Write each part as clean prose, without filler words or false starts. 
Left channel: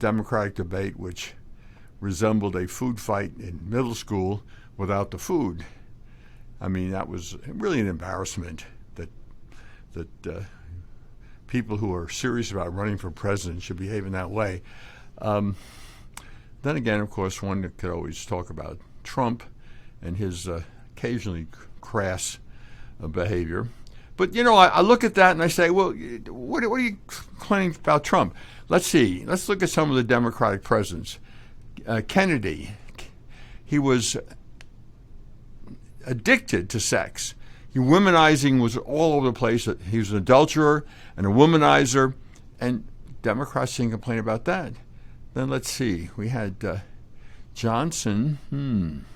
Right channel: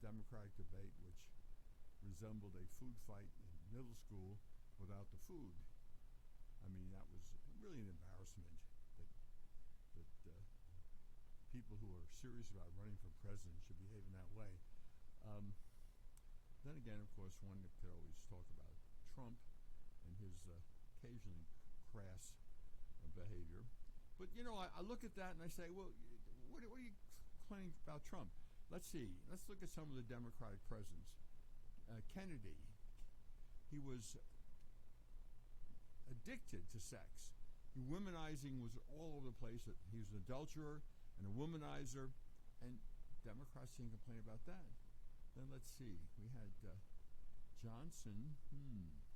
Democratic debate which resembled a food fight in middle school without the food. I mean, that was really an embarrassment that people who are serious about running for president should behave in that way. Then again, of course, one could always talk about Trump and his occasionally crass behavior. But, I look at that and I say, well, what are you claiming about Trump? Let's see. Let's look at some of the Democratic presidents. Kennedy, he was addicted to sex. Womanizing was all over the place. He was an adulterer and a womanizer, and Democrats didn't complain about that. Then let's see. We had Johnson.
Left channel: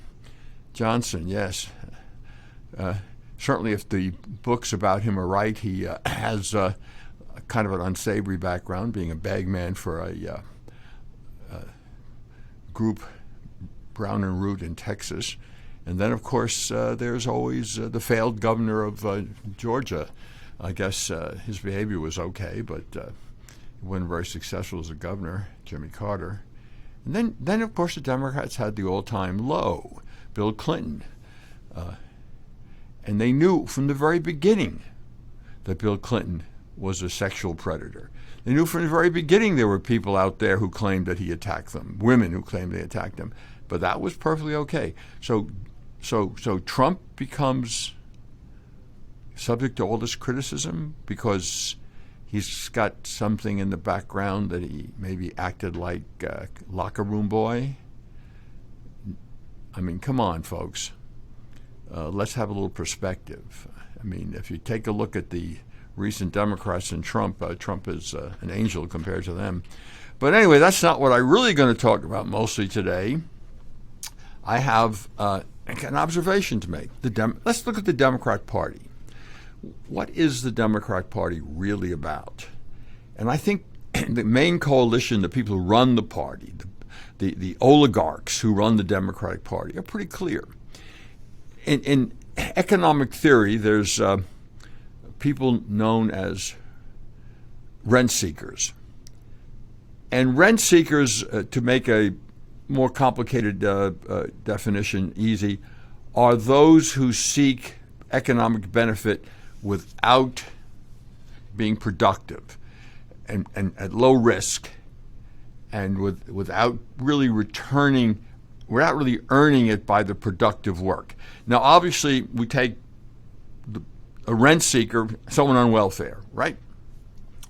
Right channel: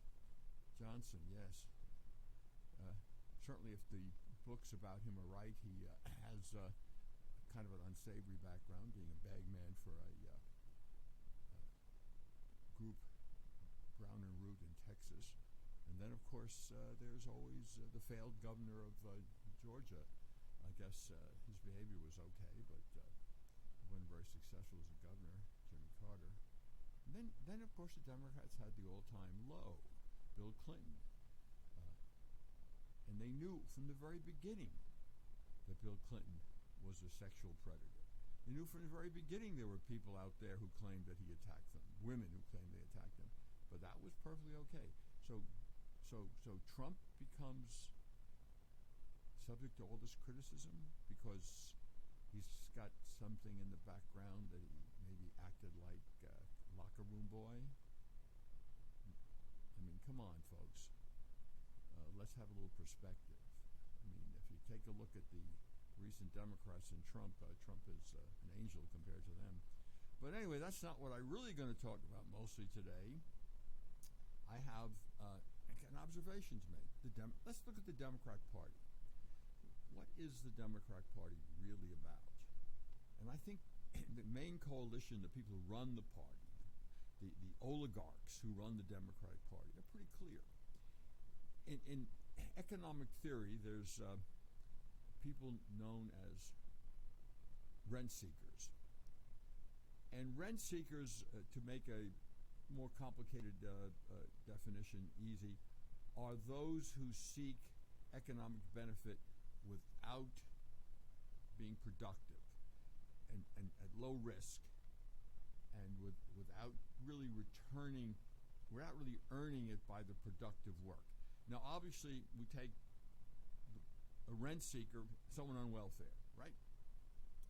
Johnson, yes. Certainly, if the books about him are right, he has kind of an unsavory background, being a bagman for a group, Brown and Root in Texas. And then, of course, there's always the failed governor of Georgia. I guess his behavior was okay, but he wasn't very successful as a governor, Jimmy Carter. And then of course, the Democrats had the all-time low, Bill Clinton. And they knew from the very beginning that Bill Clinton was a sexual predator. They knew from the very beginning there were people out there who claimed that he attacked them, women who claimed they attacked him. But that was perfectly okay. So Trump becomes subject to all this criticism because he's got something in the background that he maybe acted like a locker room boy. I mean, come on, folks. Let's have a little perspective. I mean, if you take a look at the recent Democrats and Trump, Trump is an angel compared to them. But anyway, that's not what I'm really going to talk about mostly today. I have an observation to make. Let's look at the Democrat Party. What is the Democrat Party really about? And I think the main coalition, the people who run the party, the oligarchs who run the Democratic Party, are pretty clear. In economic theory, there's people known as rent seekers. And rent seekers, to make a more complicated definition easy, are those who seek economic benefit without being productive and at low risk and without really earning it by the productive work. Now, obviously, we take a rent seeker, someone on welfare, right?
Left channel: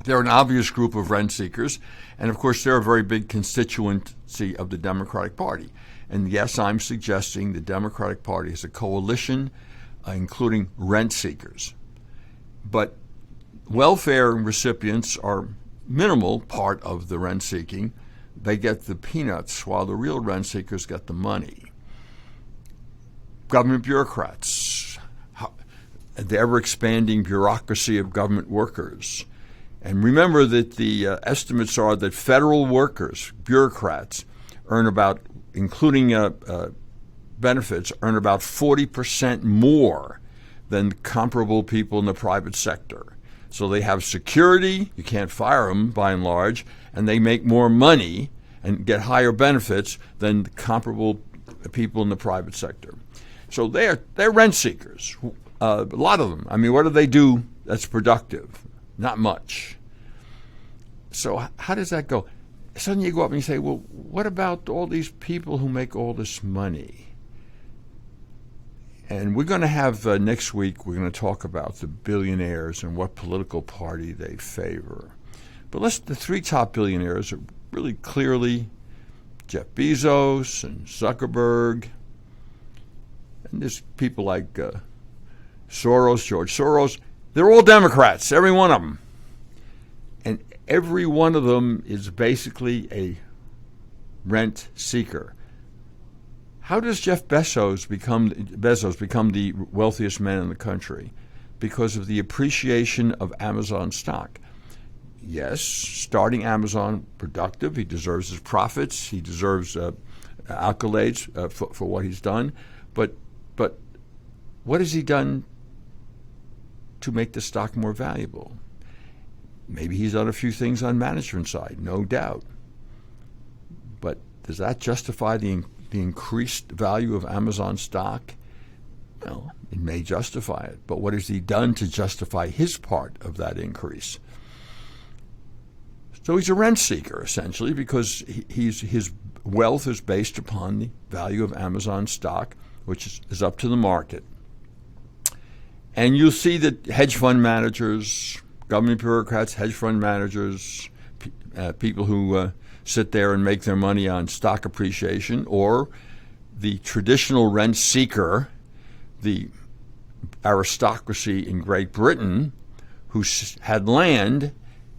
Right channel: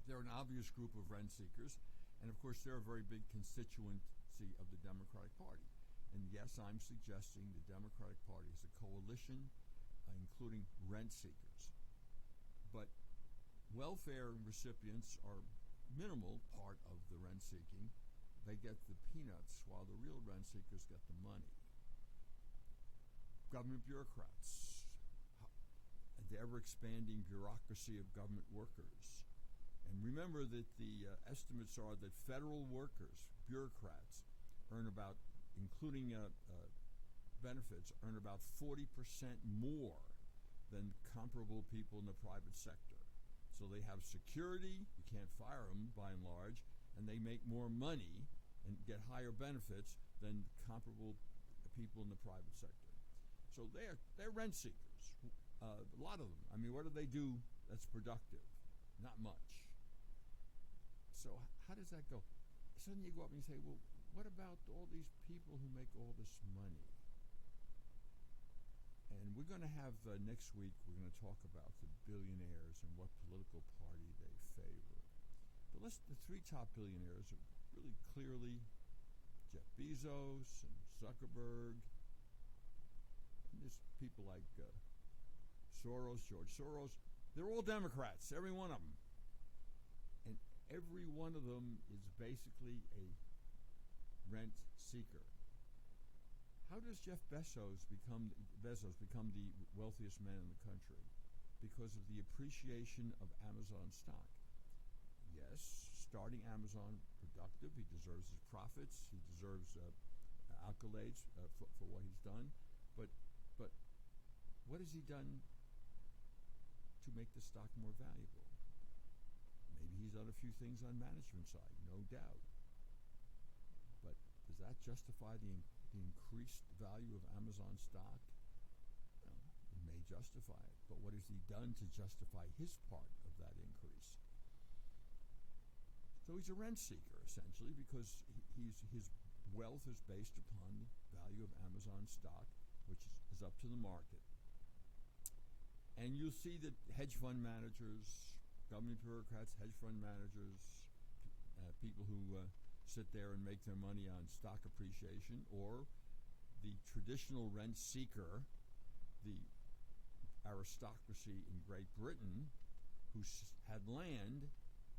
They're an obvious group of rent seekers, and of course, they're a very big constituency of the Democratic Party. And yes, I'm suggesting the Democratic Party is a coalition, including rent seekers. But welfare recipients are minimal part of the rent seeking. They get the peanuts, while the real rent seekers get the money. Government bureaucrats, the ever-expanding bureaucracy of government workers. And remember that the estimates are that federal workers, bureaucrats, earn about, including benefits, earn about 40% more than comparable people in the private sector. So they have security, you can't fire them by and large, and they make more money and get higher benefits than comparable people in the private sector. So they're rent seekers, a lot of them. I mean, what do they do that's productive? Not much. So how does that go? Suddenly you go up and you say, well, what about all these people who make all this money? And we're going to have next week, we're going to talk about the billionaires and what political party they favor. But the three top billionaires are really clearly Jeff Bezos and Zuckerberg. And there's people like Soros, George Soros. They're all Democrats, every one of them. And every one of them is basically a rent seeker. How does Jeff Bezos become the wealthiest man in the country? Because of the appreciation of Amazon stock. Yes, starting Amazon productive. He deserves his profits. He deserves accolades for what he's done. But what has he done to make the stock more valuable? Maybe he's done a few things on management side, no doubt. But does that justify the increased value of Amazon stock? Well, it may justify it, but what has he done to justify his part of that increase? So he's a rent seeker, essentially, because his wealth is based upon the value of Amazon stock, which is up to the market. And you'll see that hedge fund managers, government bureaucrats, hedge fund managers, people who sit there and make their money on stock appreciation, or the traditional rent seeker, the aristocracy in Great Britain, who had land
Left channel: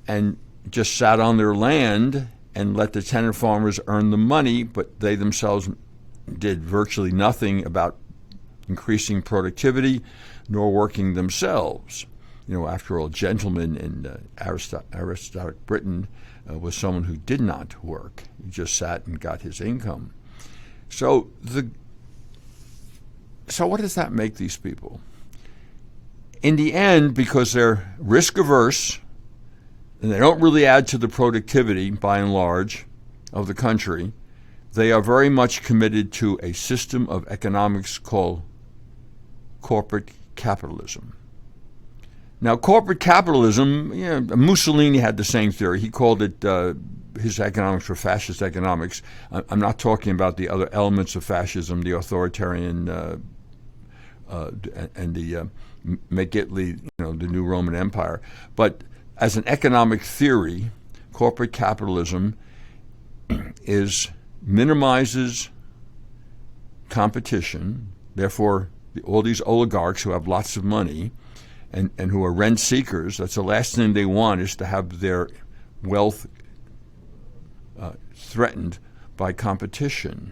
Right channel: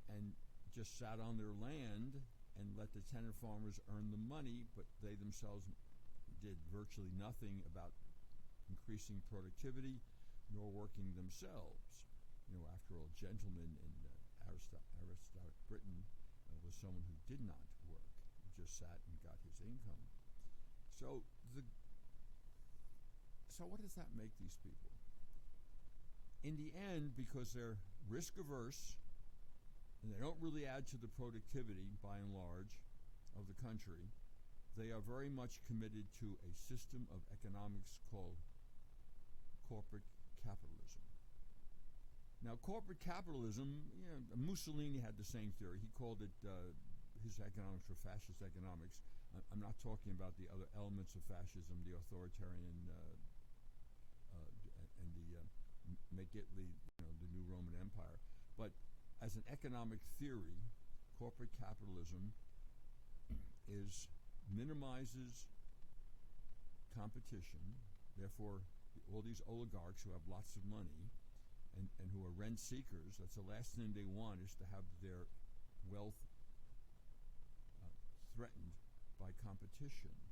and just sat on their land and let the tenant farmers earn the money, but they themselves did virtually nothing about increasing productivity nor working themselves. After all, gentlemen in aristocratic Britain was someone who did not work. He just sat and got his income. So what does that make these people? In the end, because they're risk averse and they don't really add to the productivity, by and large, of the country, they are very much committed to a system of economics called corporate capitalism. Now, corporate capitalism, Mussolini had the same theory. He called it his economics were fascist economics. I'm not talking about the other elements of fascism, the authoritarian and the make Italy, the new Roman Empire. But as an economic theory, corporate capitalism minimizes competition. Therefore, all these oligarchs who have lots of money and who are rent seekers, that's the last thing they want, is to have their wealth threatened by competition.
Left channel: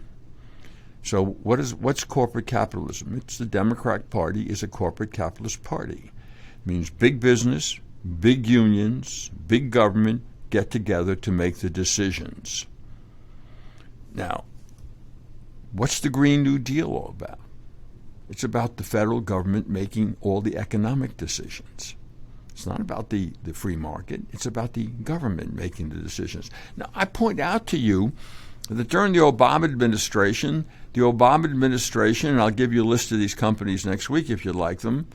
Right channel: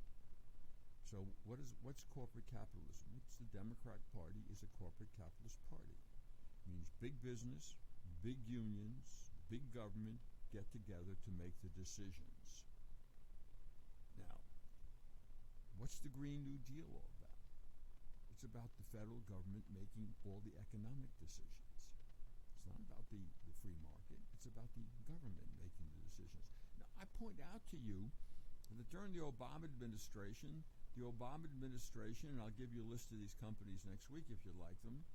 So what's corporate capitalism? It's the Democratic Party is a corporate capitalist party. It means big business, big unions, big government get together to make the decisions. Now, what's the Green New Deal all about? It's about the federal government making all the economic decisions. It's not about the free market. It's about the government making the decisions. Now, I point out to you that during the Obama administration, and I'll give you a list of these companies next week if you'd like them,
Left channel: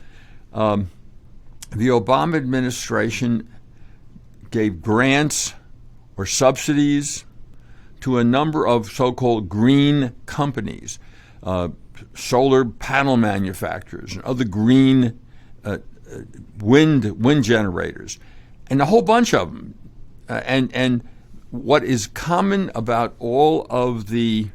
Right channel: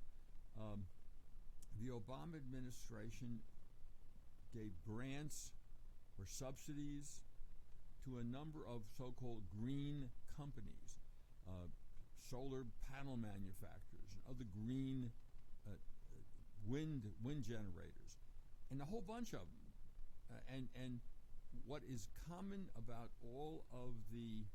the Obama administration gave grants or subsidies to a number of so-called green companies, solar panel manufacturers and other green wind generators, and a whole bunch of them. And what is common about all of the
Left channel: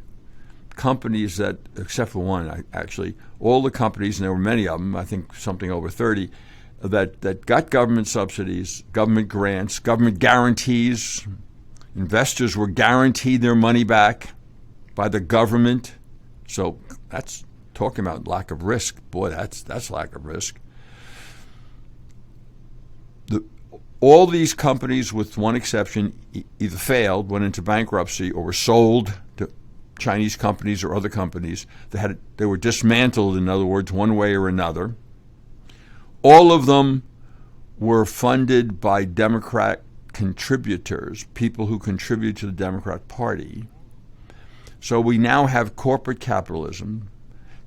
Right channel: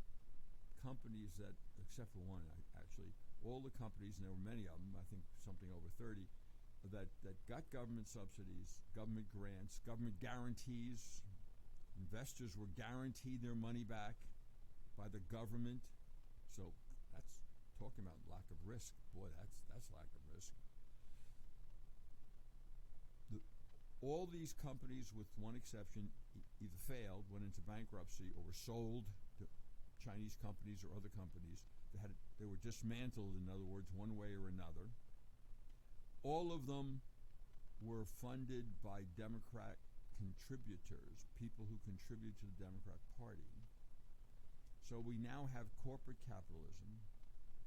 companies that, except for one actually, all the companies, and there were many of them, I think something over 30, that got government subsidies, government grants, government guarantees. Investors were guaranteed their money back by the government. So that's talking about lack of risk. Boy, that's lack of risk. All these companies, with one exception, either failed, went into bankruptcy, or were sold to Chinese companies or other companies. They were dismantled, in other words, one way or another. All of them were funded by Democrat contributors, people who contribute to the Democrat Party. So we now have corporate capitalism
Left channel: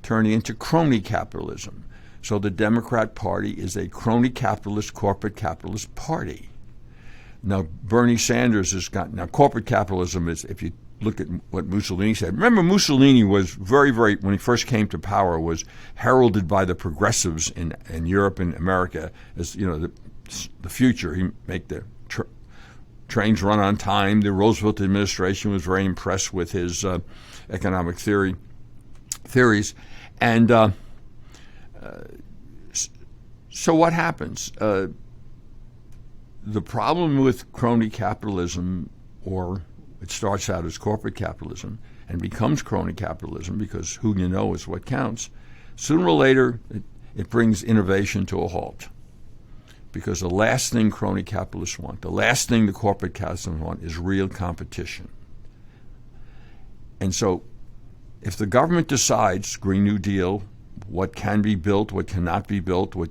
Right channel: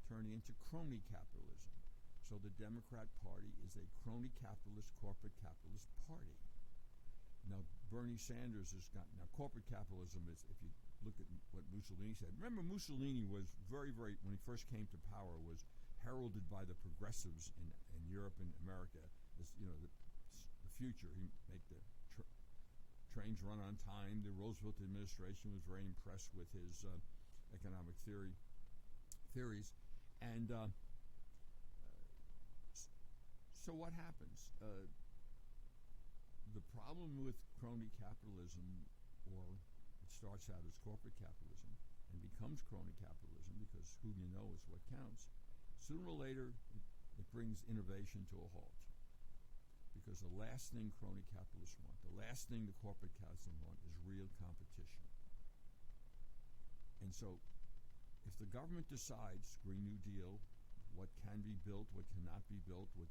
turning into crony capitalism. So the Democrat Party is a crony capitalist, corporate capitalist party. Now, Bernie Sanders has got, now corporate capitalism is, if you look at what Mussolini said, remember Mussolini was very, when he first came to power, was heralded by the progressives in Europe and America as, the future. He'd make the trains run on time. The Roosevelt administration was very impressed with his economic theories. And so what happens? The problem with crony capitalism, or it starts out as corporate capitalism and becomes crony capitalism, because who you know is what counts, sooner or later it brings innovation to a halt. Because the last thing crony capitalists want, the last thing the corporate capitalists want, is real competition. And so if the government decides, Green New Deal, what can be built, what cannot be built, what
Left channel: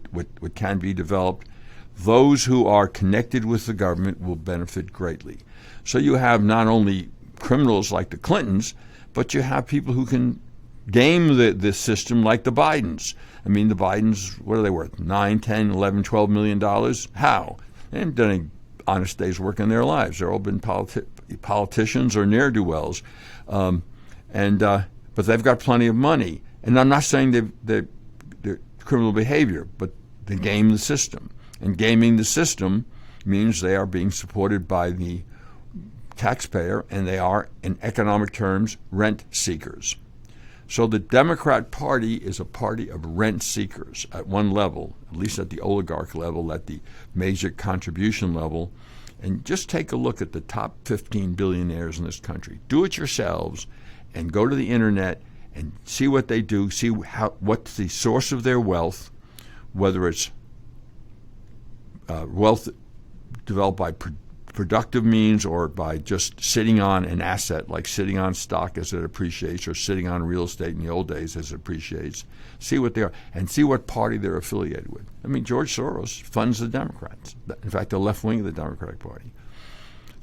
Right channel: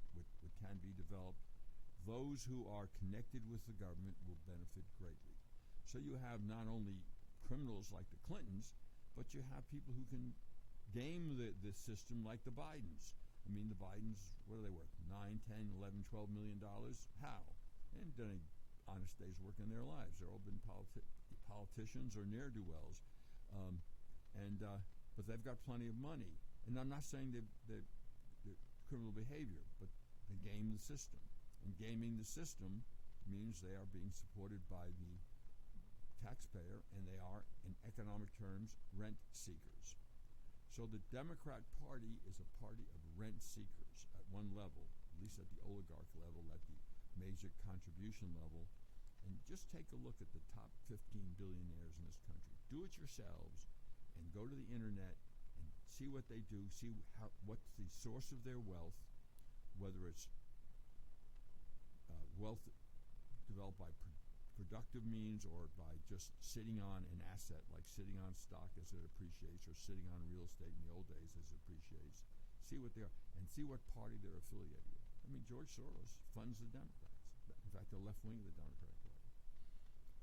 can be developed, those who are connected with the government will benefit greatly. So you have not only criminals like the Clintons, but you have people who can game the system like the Bidens. I mean, the Bidens, what are they worth? 9, 10, 11, 12 million dollars? How? They haven't done any honest day's work in their lives. They've all been politicians or ne'er-do-wells. But they've got plenty of money. And I'm not saying they're criminal behavior, but they game the system. And gaming the system means they are being supported by the taxpayer, and they are, in economic terms, rent seekers. So the Democrat Party is a party of rent seekers at one level, at least at the oligarch level, at the major contribution level. And just take a look at the top 15 billionaires in this country. Do it yourselves and go to the internet and see what they do, see what's the source of their wealth, whether it's wealth developed by productive means or by just sitting on an asset, like sitting on stock as it appreciates or sitting on real estate in the old days as it appreciates. See what they are and see what party they're affiliated with. I mean, George Soros funds the Democrats. In fact, the left wing of the Democratic Party.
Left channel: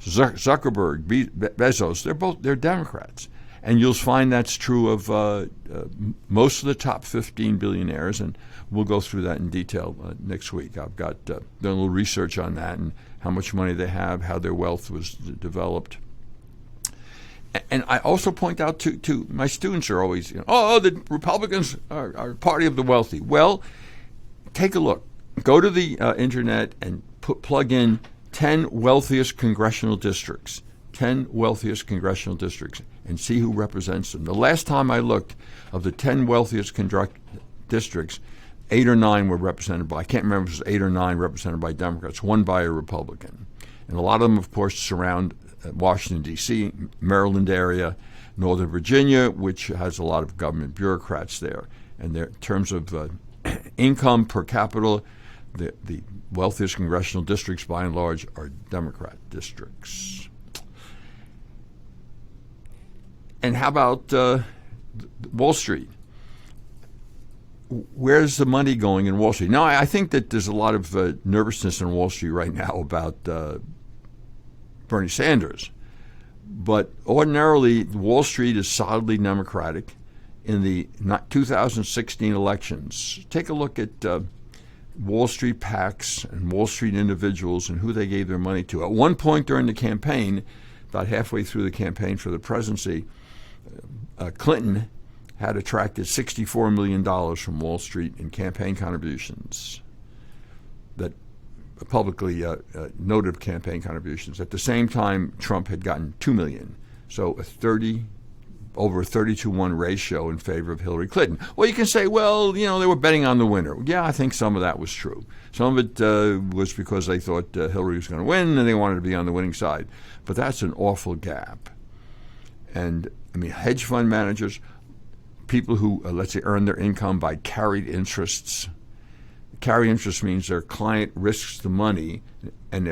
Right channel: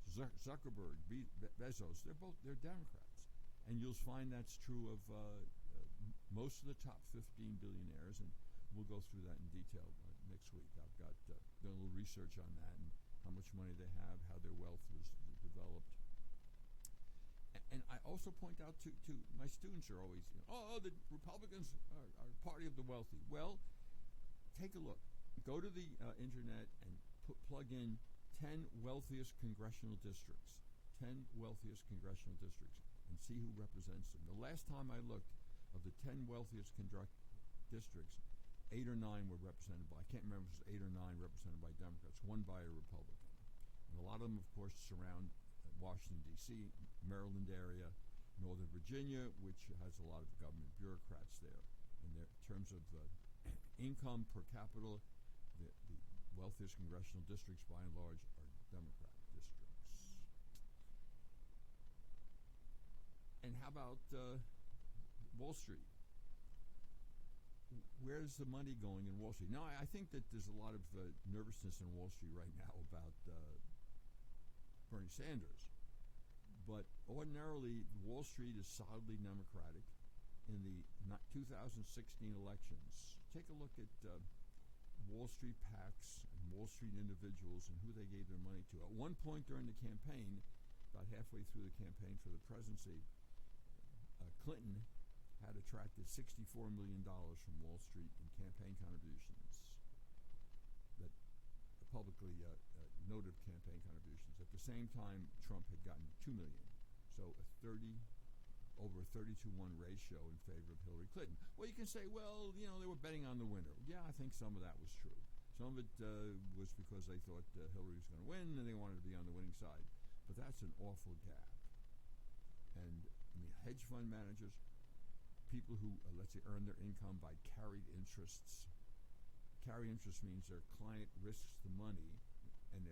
Zuckerberg, Bezos, they're Democrats. And you'll find that's true of most of the top 15 billionaires, and we'll go through that in detail next week. I've got done a little research on that and how much money they have, how their wealth was developed. And I also point out to my students are always, the Republicans are party of the wealthy. Well, take a look. Go to the internet and plug in 10 wealthiest congressional districts. 10 wealthiest congressional districts, and see who represents them. The last time I looked, of the 10 wealthiest districts, 8 or 9 were represented by, I can't remember if it was 8 or 9 represented by Democrats, 1 by a Republican. And a lot of them, of course, surround Washington, D.C., Maryland area, Northern Virginia, which has a lot of government bureaucrats there. And in terms of income per capita, the wealthiest congressional districts, by and large, are Democrat districts. And how about Wall Street? Where's the money going in Wall Street? Now, I think that there's a lot of nervousness in Wall Street right now about Bernie Sanders. But ordinarily, Wall Street is solidly Democratic. In the 2016 elections, take a look at Wall Street PACs and Wall Street individuals and who they gave their money to. At one point during the campaign, about halfway through the campaign for the presidency, Clinton had attracted $64 million from Wall Street in campaign contributions, that publicly noted campaign contributions. At the same time, Trump had gotten $2 million. So over a 30-to-1 ratio in favor of Hillary Clinton. Well, you can say, well, they were betting on the winner. Yeah, I think some of that was true. Some of it was because they thought Hillary was going to win and they wanted to be on the winning side. But that's an awful gap. And, hedge fund managers, people who, let's say, earn their income by carried interests. Carried interest means their client risks the money, and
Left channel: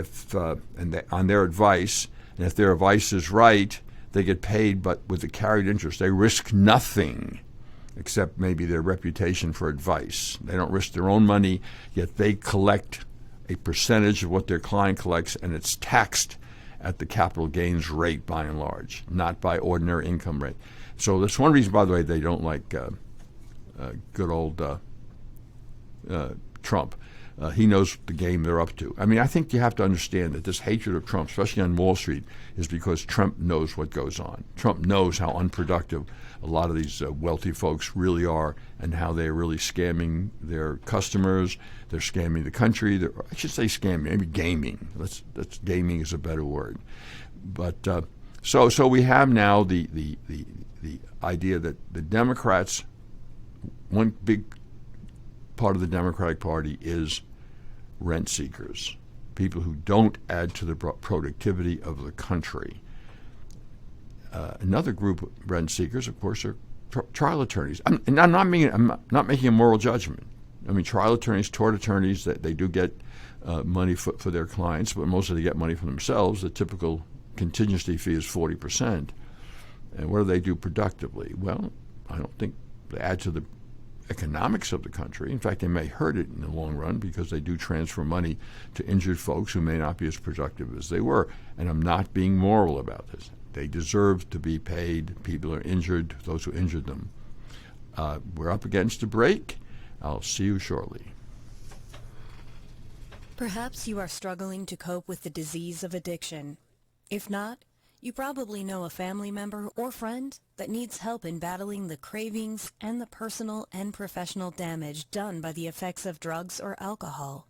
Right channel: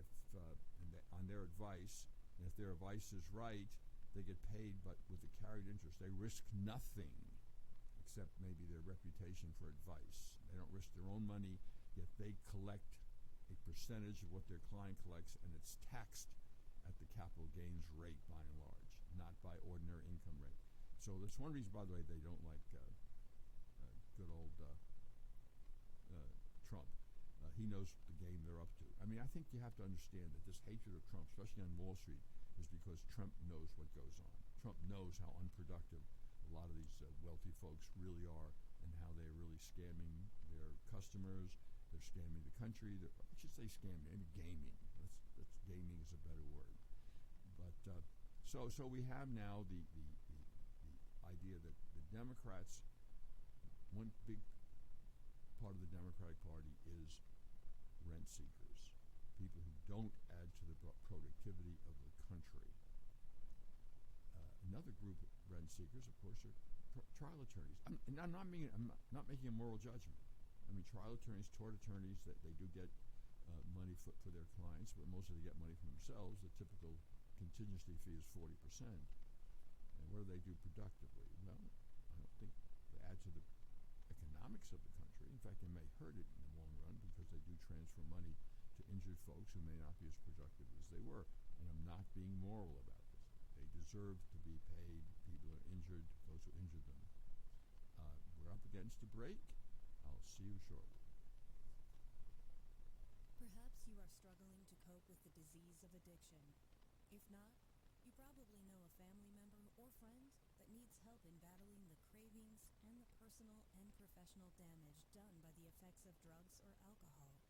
on their advice, and if their advice is right, they get paid, but with the carried interest, they risk nothing except maybe their reputation for advice. They don't risk their own money, yet they collect a percentage of what their client collects, and it's taxed at the capital gains rate by and large, not by ordinary income rate. So that's one reason, by the way, they don't like good old Trump. He knows the game they're up to. I think you have to understand that this hatred of Trump, especially on Wall Street, is because Trump knows what goes on. Trump knows how unproductive a lot of these wealthy folks really are and how they're really scamming their customers. They're scamming the country. I should say scamming, maybe gaming. That's gaming is a better word. But so we have now the idea that the Democrats, one big part of the Democratic Party is rent seekers, people who don't add to the productivity of the country. Another group of rent seekers, of course, are trial attorneys. I'm not making a moral judgment. Trial attorneys, tort attorneys, that they do get money for their clients, but mostly they get money for themselves. The typical contingency fee is 40%. And what do they do productively? Well, I don't think they add to the economics of the country. In fact, they may hurt it in the long run because they do transfer money to injured folks who may not be as productive as they were. And I'm not being moral about this. They deserve to be paid. People are injured, those who injured them. We're up against a break. I'll see you shortly. Perhaps you are struggling to cope with the disease of addiction. If not, you probably know a family member or friend that needs help in battling the cravings and the personal and professional damage done by the effects of drugs or alcohol.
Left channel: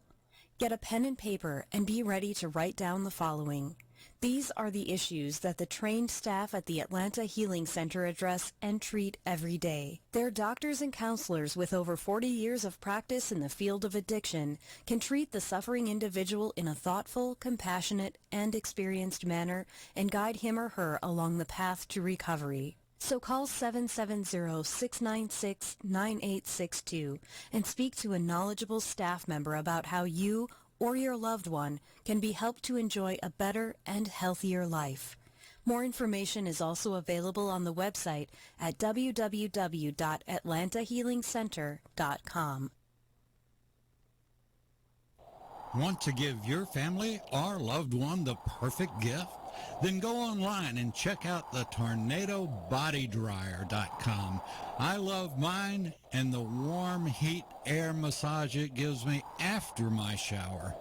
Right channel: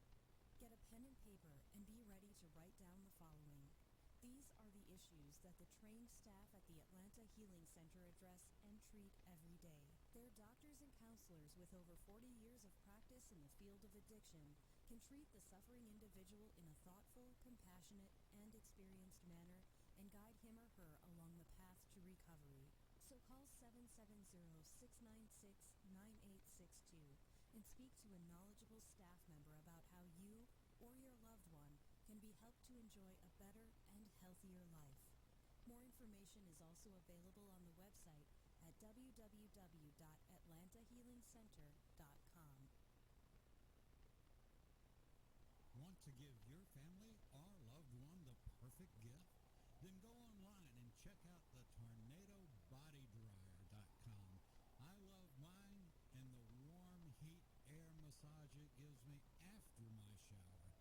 Get a pen and paper and be ready to write down the following. These are the issues that the trained staff at the Atlanta Healing Center address and treat every day. Their doctors and counselors with over 40 years of practice in the field of addiction can treat the suffering individual in a thoughtful, compassionate, and experienced manner and guide him or her along the path to recovery. So call 770-696-9862 and speak to a knowledgeable staff member about how you or your loved one can be helped to enjoy a better and healthier life. More information is also available on the website at www.atlantahealingcenter.com. Want to give your family or loved one the perfect gift? Then go online and check out the TornadoBodyDryer.com. I love mine and the warm heat air massage it gives me after my shower.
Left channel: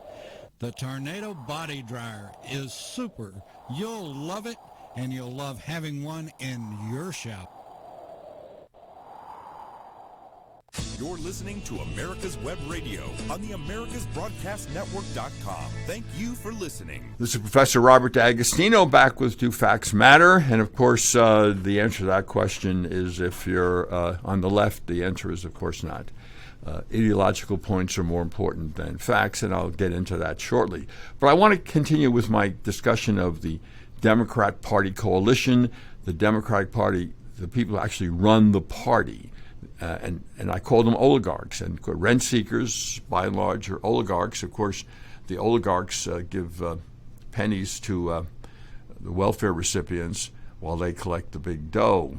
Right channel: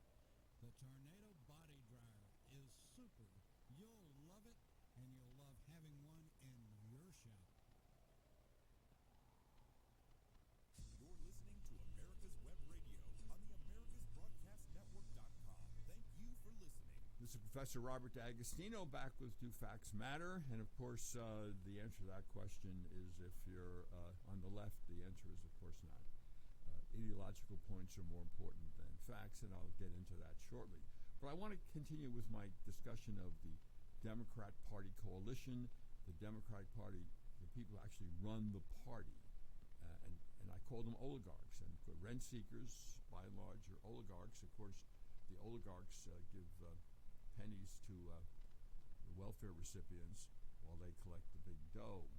The Tornado Body Dryer is super. You'll love it, and you'll love having one in your shower. You're listening to America's Web Radio on the AmericasBroadcastNetwork.com. Thank you for listening. This is Professor Robert D'Agostino back with Do Facts Matter? And, of course, the answer to that question is if you're on the left, the answer is, of course, not. Ideological points are more important than facts, and I'll get into that shortly. But I want to continue with my discussion of the Democrat Party coalition, the Democratic Party, the people who actually run the party. And I call them oligarchs. And rent seekers, by and large, are oligarchs. Of course, the oligarchs give pennies to the welfare recipients while they collect the big dough.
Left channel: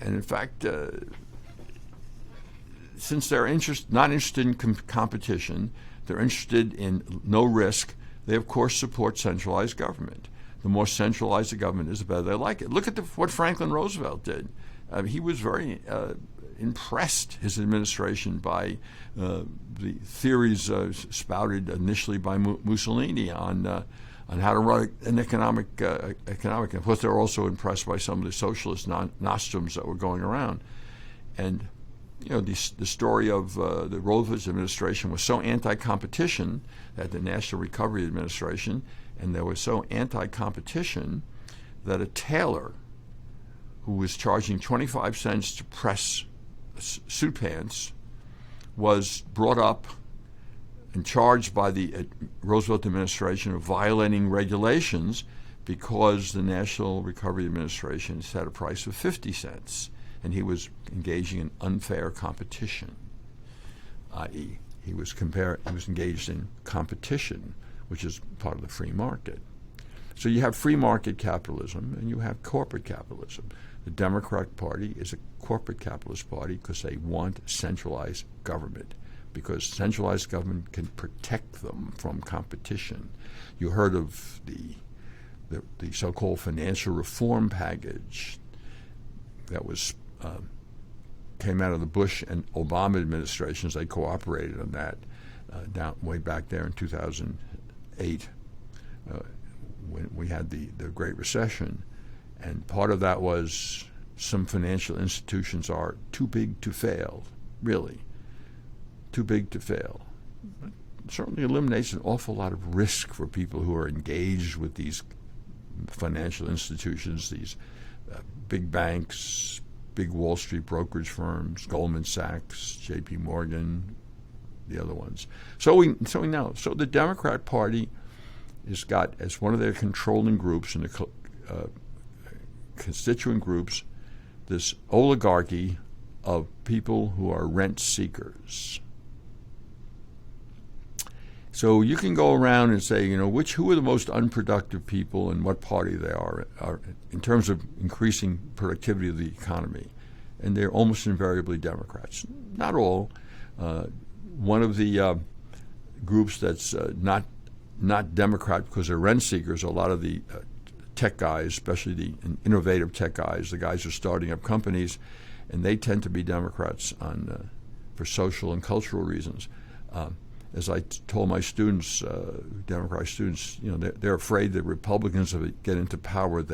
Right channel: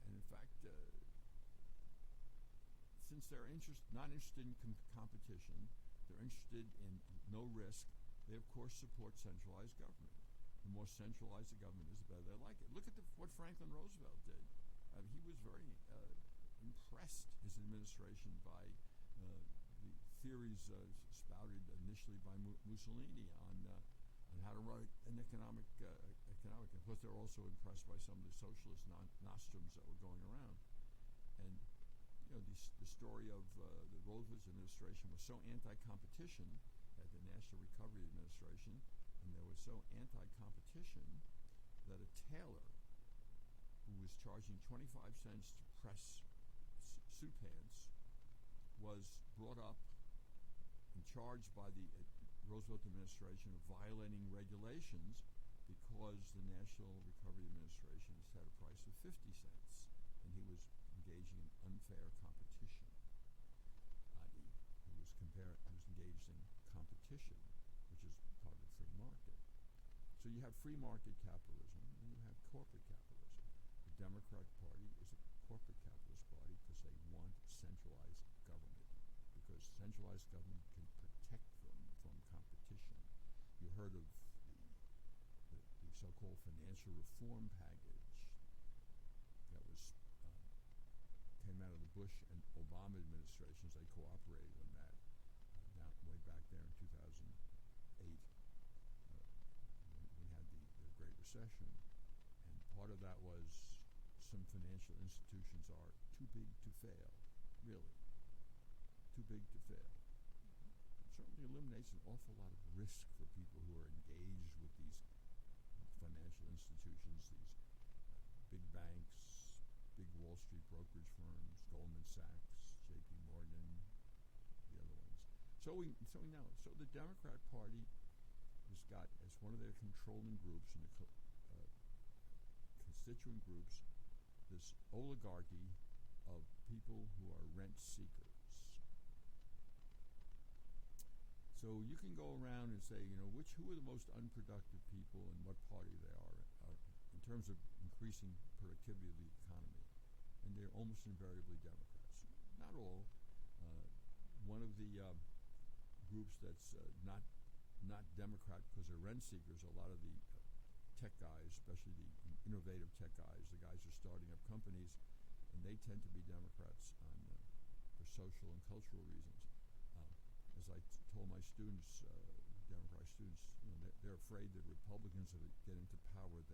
And in fact, since they're not interested in competition, they're interested in no risk, they, of course, support centralized government. The more centralized the government is, the better they like it. Look at what Franklin Roosevelt did. He was very impressed, his administration, by the theories spouted initially by Mussolini on how to run an economic. Of course, they were also impressed by some of the socialist nostrums that were going around. And you know, the story of the Roosevelt administration was so anti-competition that the National Recovery Administration, and they were so anti-competition that a tailor who was charging 25 cents to press suit pants was brought up and charged by the Roosevelt administration of violating regulations because the National Recovery Administration set a price of 50 cents. And he was engaging in unfair competition, i.e., he was engaged in competition, which is part of the free market. So you have free market capitalism and you have corporate capitalism. The Democratic Party is a corporate capitalist party because they want centralized government, because centralized government can protect them from competition. You heard of the so-called financial reform package that was came out of the Bush and Obama administrations. They cooperated on that down way back there in 2008 when we had the Great Recession. And part of that was some financial institutions are too big to fail, really, too big to fail. It certainly eliminates an awful lot of risk for people who are engaged with these financial institutions, these big banks, big Wall Street brokerage firms, Goldman Sachs, J.P. Morgan, the other ones. So we know. So the Democrat Party has got as one of their controlling groups and the constituent groups this oligarchy of people who are rent seekers. So you can go around and say, who are the most unproductive people and what party they are in terms of increasing productivity of the economy. And they're almost invariably Democrats. Not all. One of the groups that's not Democrat because they're rent seekers, a lot of the tech guys, especially the innovative tech guys, the guys who are starting up companies, and they tend to be Democrats for social and cultural reasons. As I told my students, Democrat students, they're afraid that Republicans, if they get into power,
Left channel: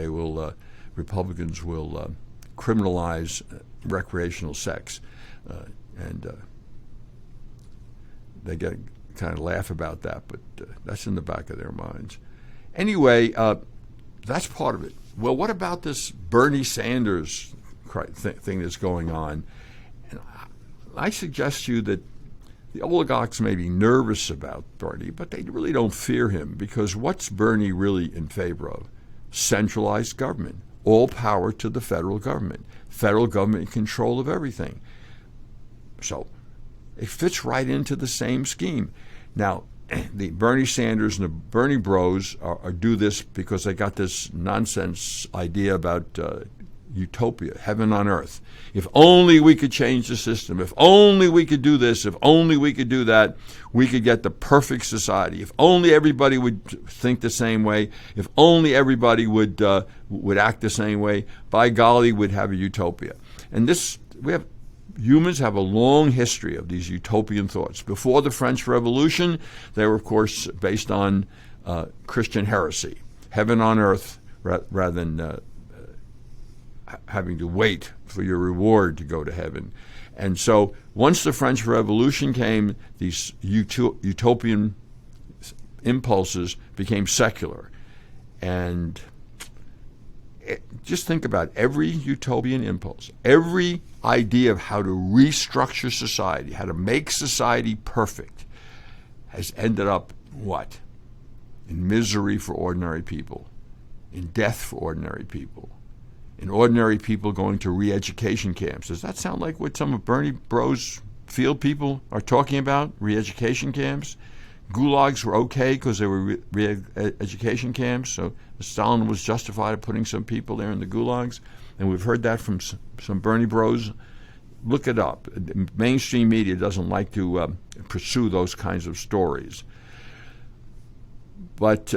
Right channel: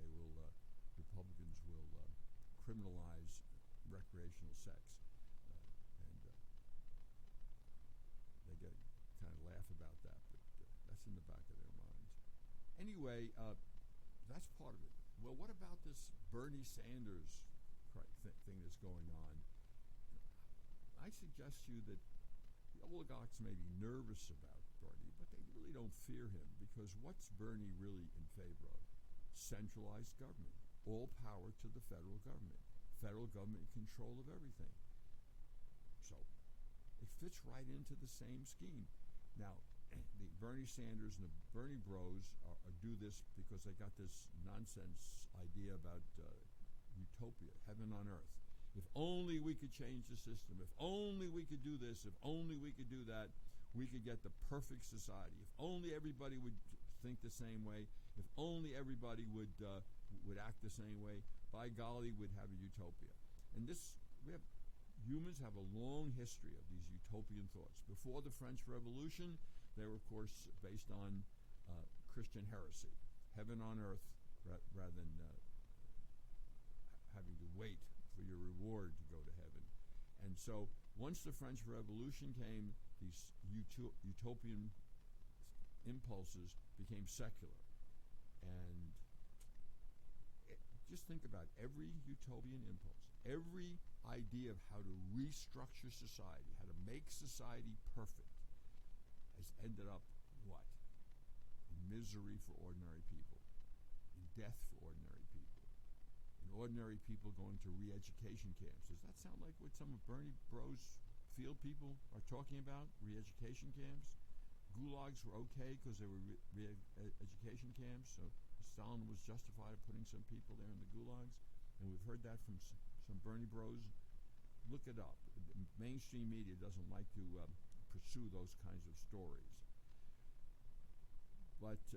Republicans will criminalize recreational sex, and they kind of laugh about that, but that's in the back of their minds. Anyway, that's part of it. Well, what about this Bernie Sanders thing that's going on? And I suggest to you that the oligarchs may be nervous about Bernie, but they really don't fear him, because what's Bernie really in favor of? Centralized government, all power to the federal government in control of everything. So it fits right into the same scheme. Now, the Bernie Sanders and the Bernie bros do this because they got this nonsense idea about utopia, heaven on earth. If only we could change the system, if only we could do this, if only we could do that, we could get the perfect society. If only everybody would think the same way, if only everybody would act the same way, by golly, we'd have a utopia. And humans have a long history of these utopian thoughts. Before the French Revolution, they were, of course, based on Christian heresy, heaven on earth, rather than having to wait for your reward to go to heaven. And so once the French Revolution came, these utopian impulses became secular. And just think about every utopian impulse, every idea of how to restructure society, how to make society perfect, has ended up what? In misery for ordinary people, in death for ordinary people, in ordinary people going to re-education camps. Does that sound like what some of Bernie Bros field people are talking about? Re-education camps? Gulags were okay because they were re-education camps, so Stalin was justified in putting some people there in the gulags. And we've heard that from some Bernie Bros. Look it up. Mainstream media doesn't like to pursue those kinds of stories. But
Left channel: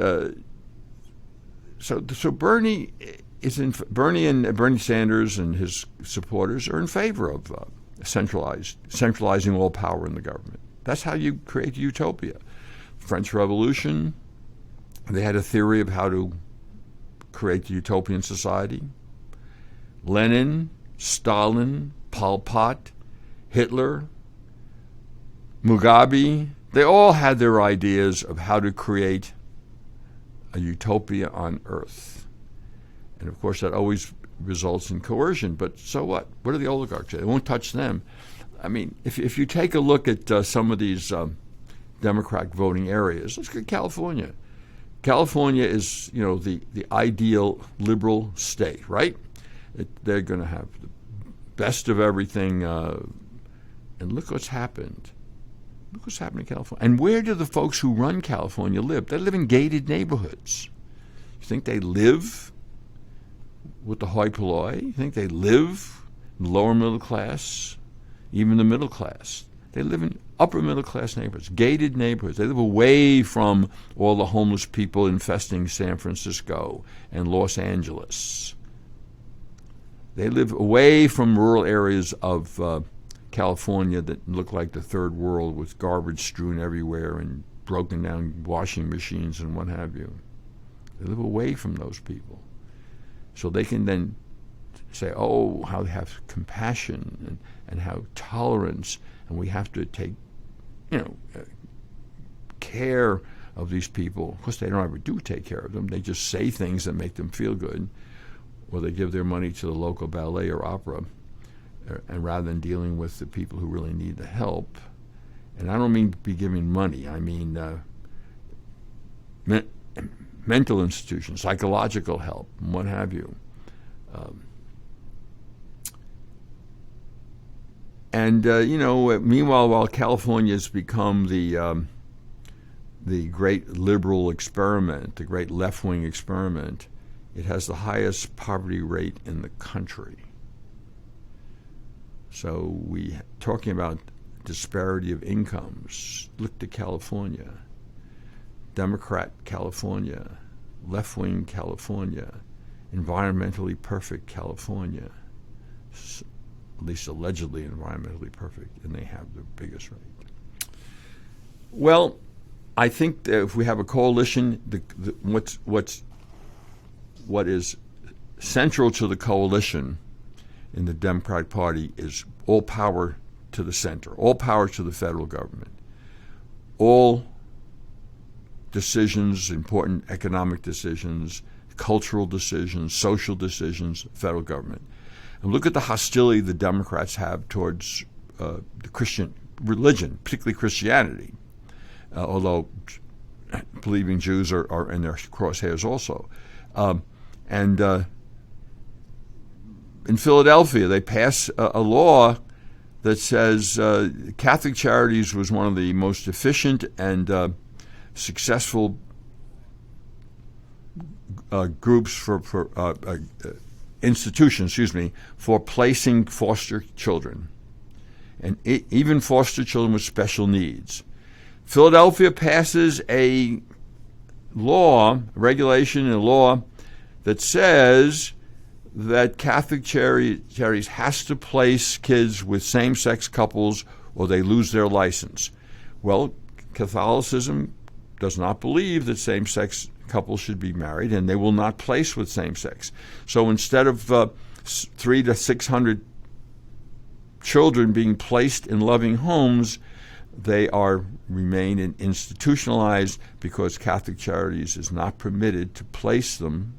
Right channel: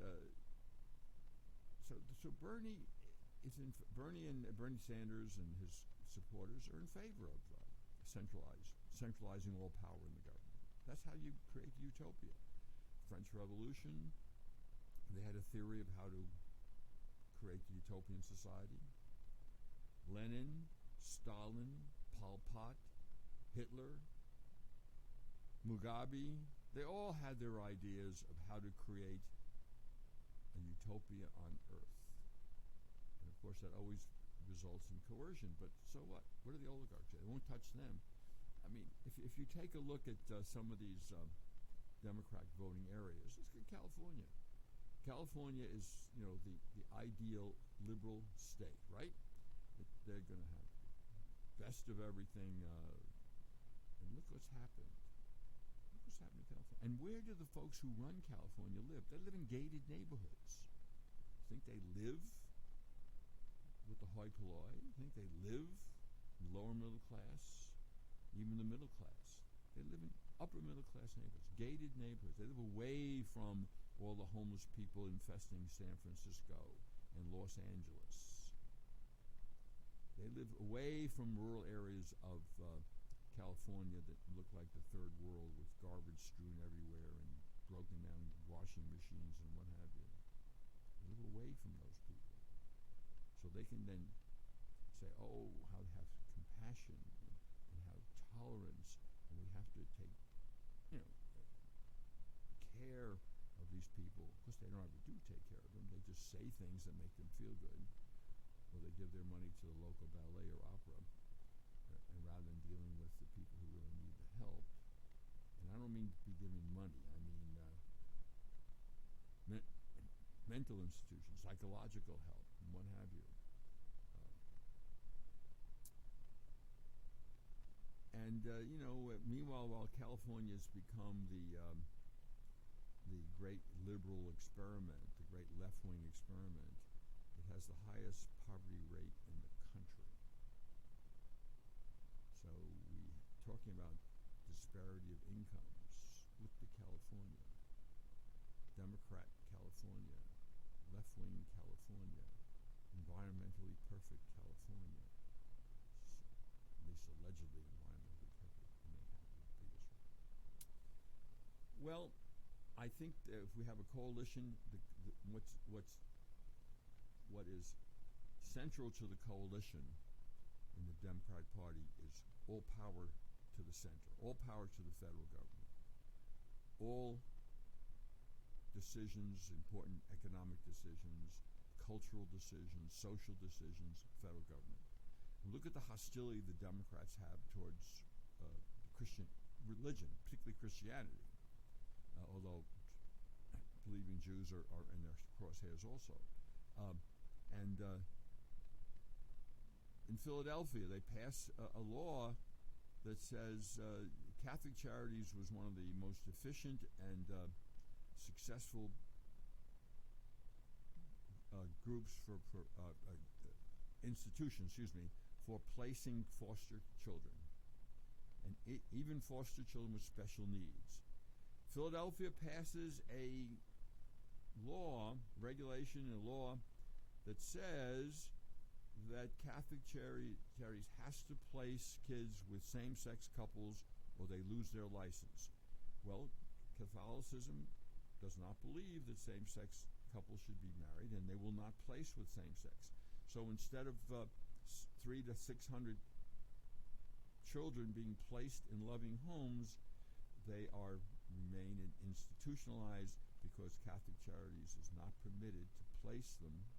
so Bernie and Bernie Sanders and his supporters are in favor of centralizing all power in the government. That's how you create utopia. French Revolution, they had a theory of how to create the utopian society. Lenin, Stalin, Pol Pot, Hitler, Mugabe, they all had their ideas of how to create a utopia on earth. And of course, that always results in coercion. But so what? What do the oligarchs say? They won't touch them. I mean, if you take a look at some of these Democrat voting areas, let's look at California. California is, the ideal liberal state, right? They're going to have the best of everything. And look what's happened. Look what's happened in California. And where do the folks who run California live? They live in gated neighborhoods. You think they live with the hoi polloi? You think they live in the lower middle class, even the middle class? They live in upper middle class neighborhoods, gated neighborhoods. They live away from all the homeless people infesting San Francisco and Los Angeles. They live away from rural areas of California that look like the third world, with garbage strewn everywhere and broken down washing machines and what have you. They live away from those people. So they can then say, oh, how they have compassion and how tolerance, and we have to take, care of these people. Of course, they don't ever do take care of them. They just say things that make them feel good, or they give their money to the local ballet or opera, and rather than dealing with the people who really need the help. And I don't mean be giving money. I mean mental institutions, psychological help, and what have you. Meanwhile, while California has become the great liberal experiment, the great left-wing experiment, it has the highest poverty rate in the country. So talking about disparity of incomes, look to California. Democrat California, left-wing California, environmentally perfect California, at least allegedly environmentally perfect, and they have the biggest rate. Well, I think that if we have a coalition, what is central to the coalition in the Democratic Party is all power to the center, all power to the federal government, all decisions, important economic decisions, cultural decisions, social decisions, federal government. And look at the hostility the Democrats have towards the Christian religion, particularly Christianity, although believing Jews are in their crosshairs also. And in Philadelphia, they pass a law that says Catholic Charities was one of the most efficient and successful groups for institutions, for placing foster children, and even foster children with special needs. Philadelphia passes a regulation, a law that says that Catholic Charities has to place kids with same-sex couples or they lose their license. Well, Catholicism does not believe that same-sex couples should be married, and they will not place with same-sex. So instead of 300 to 600 children being placed in loving homes, they remain institutionalized because Catholic Charities is not permitted to place them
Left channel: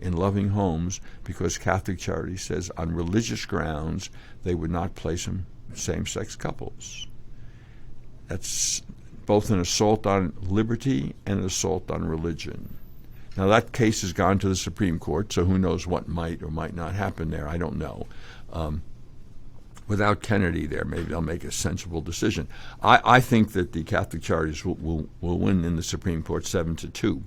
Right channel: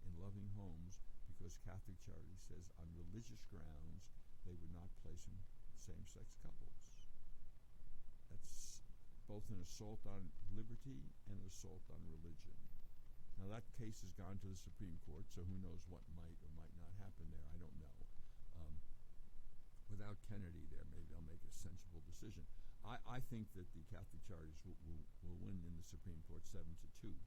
in loving homes because Catholic Charities says on religious grounds they would not place them same-sex couples. That's both an assault on liberty and an assault on religion. Now that case has gone to the Supreme Court, so who knows what might or might not happen there. I don't know. Without Kennedy there, maybe they'll make a sensible decision. I think that the Catholic Charities will win in the Supreme Court 7-2.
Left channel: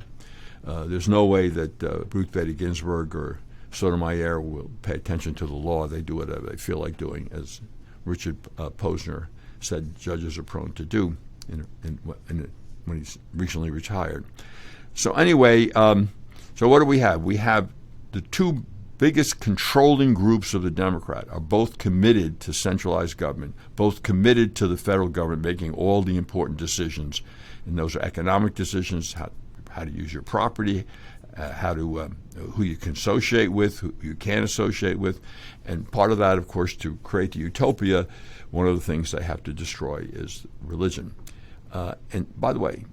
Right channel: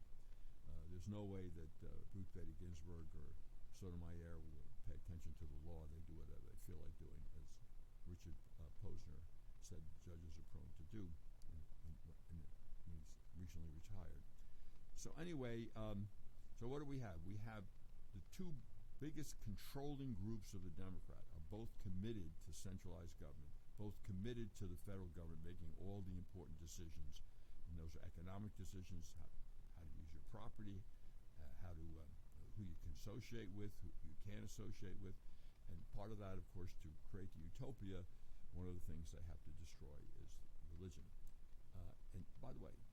There's no way that Ruth Bader Ginsburg or Sotomayor will pay attention to the law. They do whatever they feel like doing, as Richard Posner said judges are prone to do when he's recently retired. So anyway, so what do we have? We have the two biggest controlling groups of the Democrat are both committed to centralized government, both committed to the federal government making all the important decisions. And those are economic decisions, how to use your property, who you can associate with, who you can't associate with. And part of that, of course, to create the utopia, one of the things they have to destroy is religion. And by the way,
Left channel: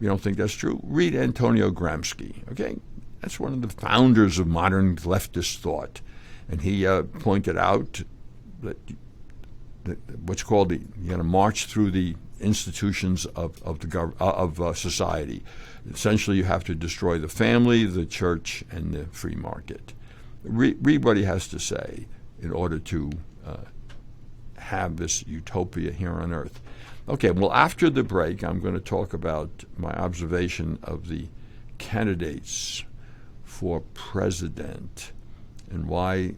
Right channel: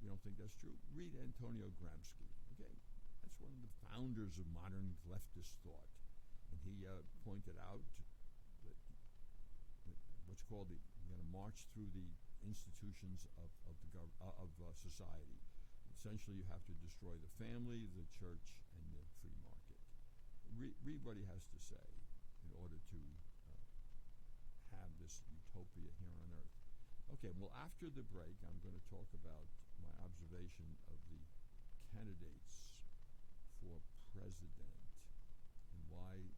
you don't think that's true? Read Antonio Gramsci, okay? That's one of the founders of modern leftist thought. And he pointed out that what's called you got to march through the institutions of society. Essentially, you have to destroy the family, the church, and the free market. Read what he has to say in order to have this utopia here on earth. Okay, well, after the break, I'm going to talk about my observation of the candidates for president and why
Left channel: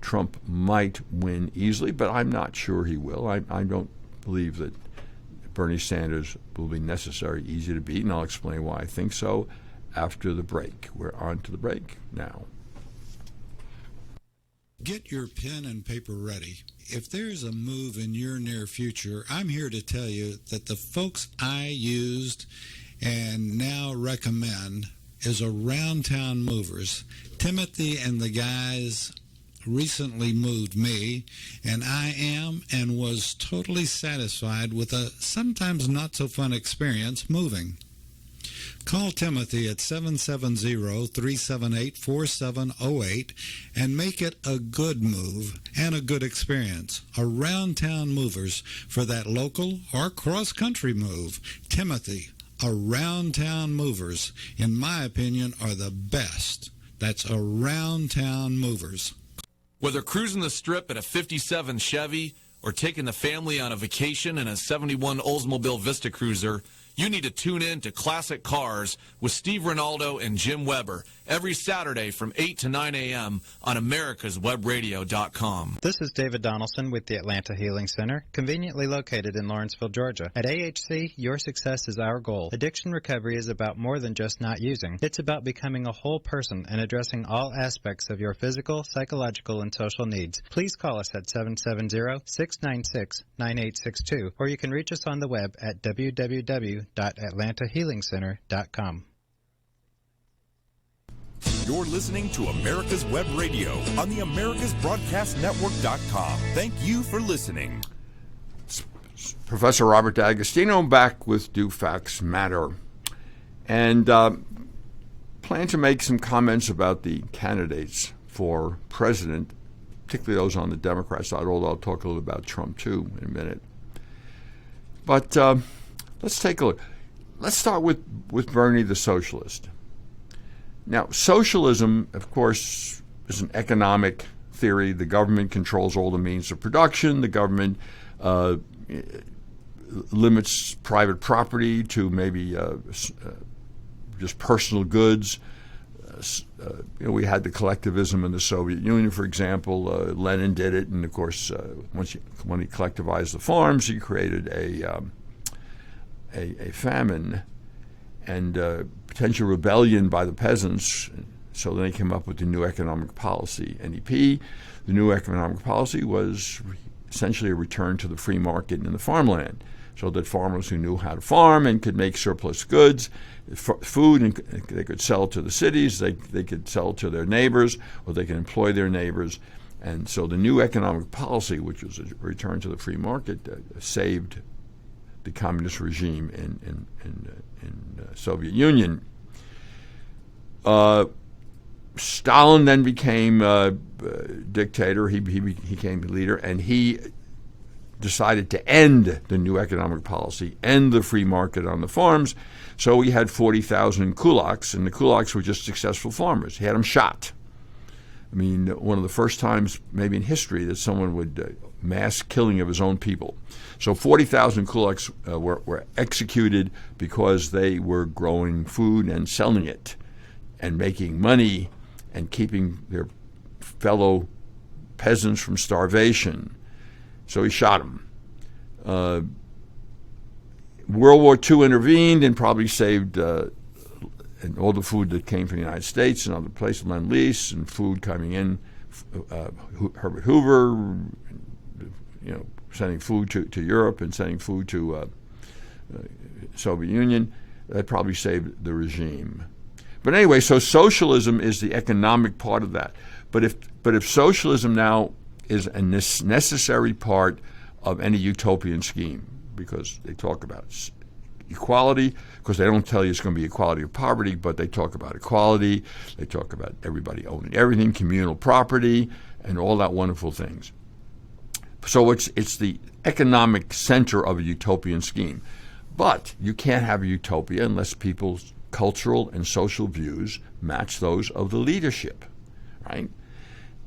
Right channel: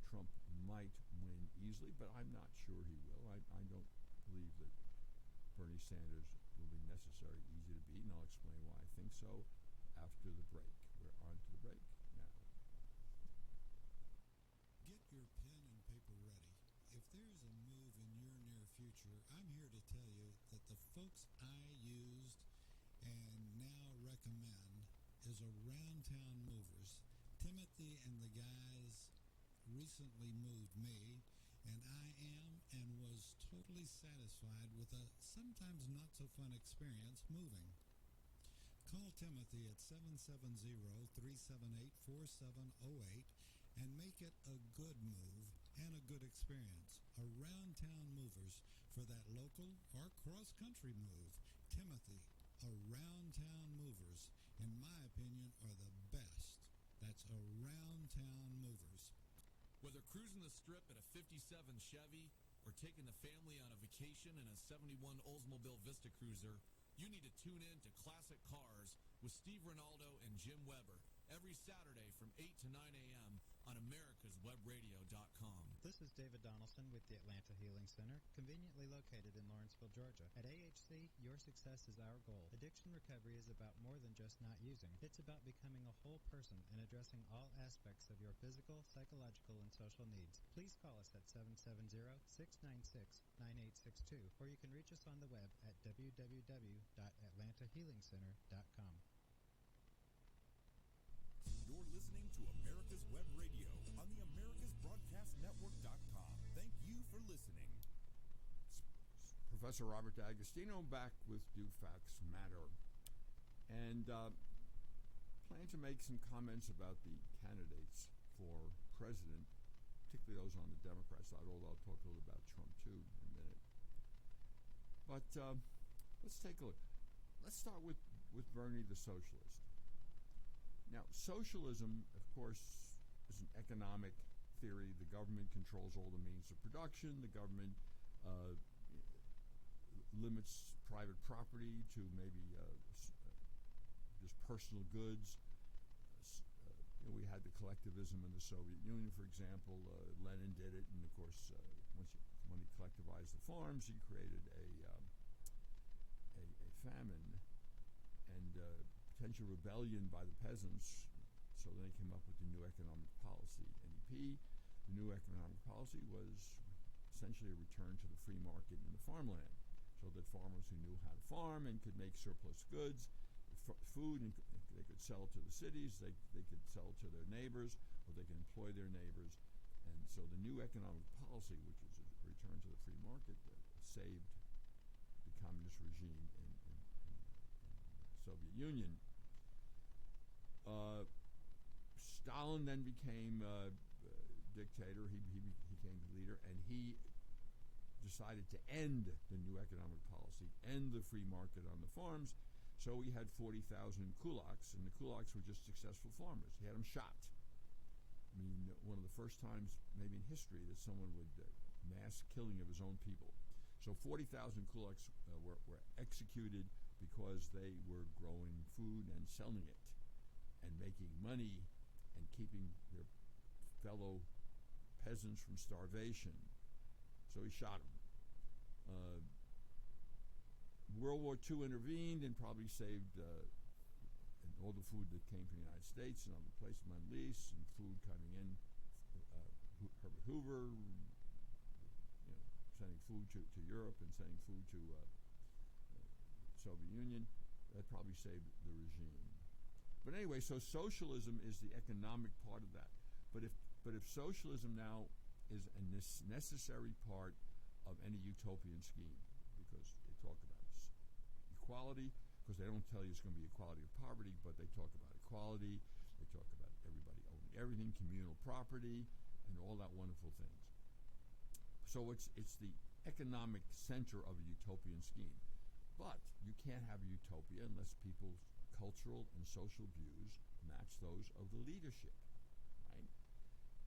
Trump might win easily, but I'm not sure he will. I don't believe that Bernie Sanders will be necessarily easy to beat, and I'll explain why I think so after the break. We're on to the break now. Get your pen and paper ready. If there's a move in your near future, I'm here to tell you that the folks I used and now recommend is Around Town Movers. Timothy and the guys recently moved me, and I am and was totally satisfied with a sometimes not so fun experience moving. Call Timothy at 770-378-4708 and make it a good move and a good experience. Around Town Movers for that local or cross-country move. Timothy, Around Town Movers, in my opinion, are the best. That's Around Town Movers. Whether cruising the strip in a 57 Chevy or taking the family on a vacation in a 71 Oldsmobile Vista Cruiser, you need to tune in to Classic Cars with Steve Ronaldo and Jim Weber every Saturday from 8 to 9 a.m. on americaswebradio.com. This is David Donaldson with the Atlanta Healing Center, conveniently located in Lawrenceville, Georgia. At AHC, your success is our goal. Addiction recovery is about more than just not using. It's about becoming a whole person and addressing all aspects of your physical, psychological, and social needs. Please call us at 770-696-9862, or you can reach us on the web at www.atlantahealingcenter.com. You're listening to America's Web Radio on the AmericasBroadcastNetwork.com. Thank you for listening. Professor Robert D'Agostino back with Do Facts Matter. And plan to make some comments about the candidates for president, particularly those on the Democrat side, although I'll talk a little about Trump too in a minute. But let's take a look. Let's start with Bernie the socialist. Now, socialism, of course, is an economic theory. The government controls all the means of production. The government limits private property to maybe just personal goods. We had the collectivism in the Soviet Union, for example. Lenin did it, and of course, when he collectivized the farms, he created a famine and potential rebellion by the peasants. So then they came up with the new economic policy, NEP. The new economic policy was essentially a return to the free market in the farmland, so that farmers who knew how to farm and could make surplus goods, food, and they could sell to the cities, they could sell to their neighbors, or they could employ their neighbors. And so the new economic policy, which was a return to the free market, saved the communist regime in Soviet Union. Stalin then became dictator. He became leader, and he decided to end the new economic policy, end the free market on the farms. So he had 40,000 kulaks, and the kulaks were just successful farmers. He had them shot. I mean, one of the first times maybe in history that someone would mass killing of his own people. So 40,000 kulaks were executed because they were growing food and selling it and making money and keeping their fellow peasants from starvation. So he shot them. World War II intervened and probably saved and all the food that came from the United States and other places, Lend-Lease and food coming in, Herbert Hoover, sending food to Europe and sending food to Soviet Union. That probably saved the regime. But anyway, so socialism is the economic part of that. But if socialism now is a necessary part of any utopian scheme, because they talk about equality, because they don't tell you it's going to be equality of poverty, but they talk about equality, they talk about everybody owning everything, communal property, and all that wonderful things. So it's the economic center of a utopian scheme. But you can't have a utopia unless people's cultural and social views match those of the leadership, right?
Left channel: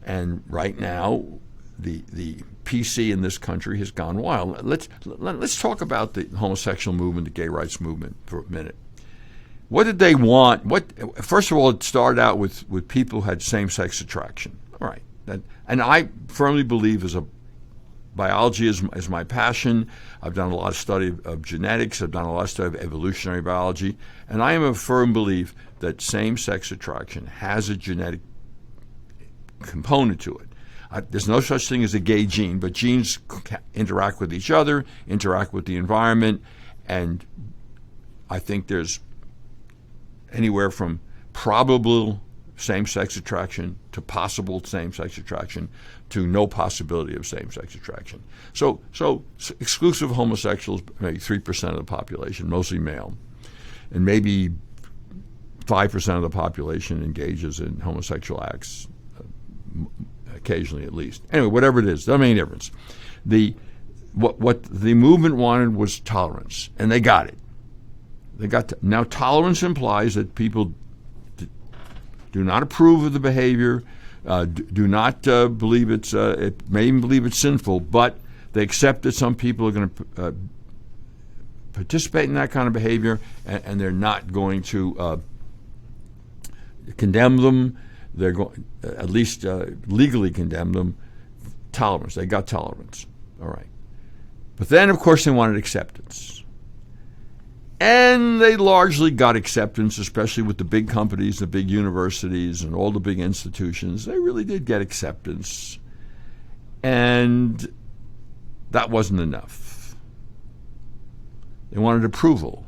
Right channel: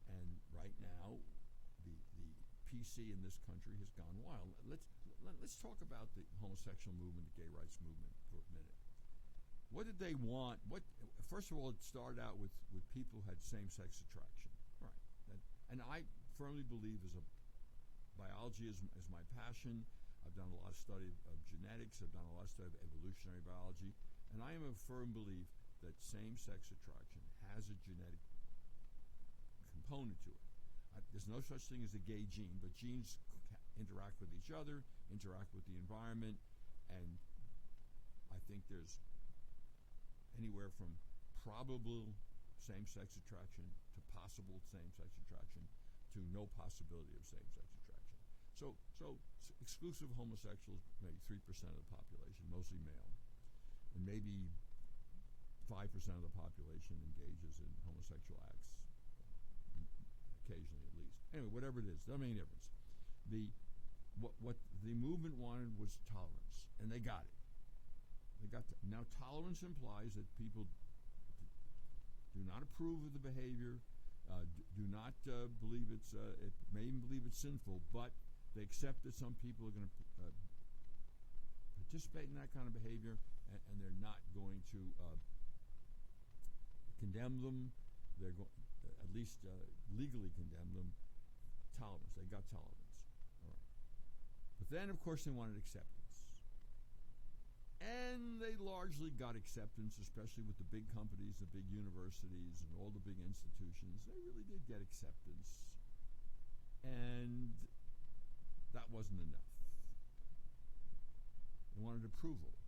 And right now, the PC in this country has gone wild. Let's talk about the homosexual movement, the gay rights movement for a minute. What did they want? First of all, it started out with people who had same-sex attraction. All right. And I firmly believe biology is my passion. I've done a lot of study of genetics. I've done a lot of study of evolutionary biology. And I am a firm belief that same-sex attraction has a genetic component to it. There's no such thing as a gay gene, but genes interact with each other, interact with the environment, and I think there's anywhere from probable same-sex attraction to possible same-sex attraction to no possibility of same-sex attraction. So exclusive homosexuals, maybe 3% of the population, mostly male, and maybe 5% of the population engages in homosexual acts, occasionally at least. Anyway, whatever it is, doesn't make any difference. What the movement wanted was tolerance, and they got it. Now tolerance implies that people do not approve of the behavior, do not believe may even believe it's sinful, but they accept that some people are going to participate in that kind of behavior, and they're not going to condemn them. They're going, at least legally condemn them. Tolerance. They got tolerance. All right. But then, of course, they wanted acceptance. And they largely got acceptance, especially with the big companies, the big universities, and all the big institutions. They really did get acceptance. And that wasn't enough. They wanted approval.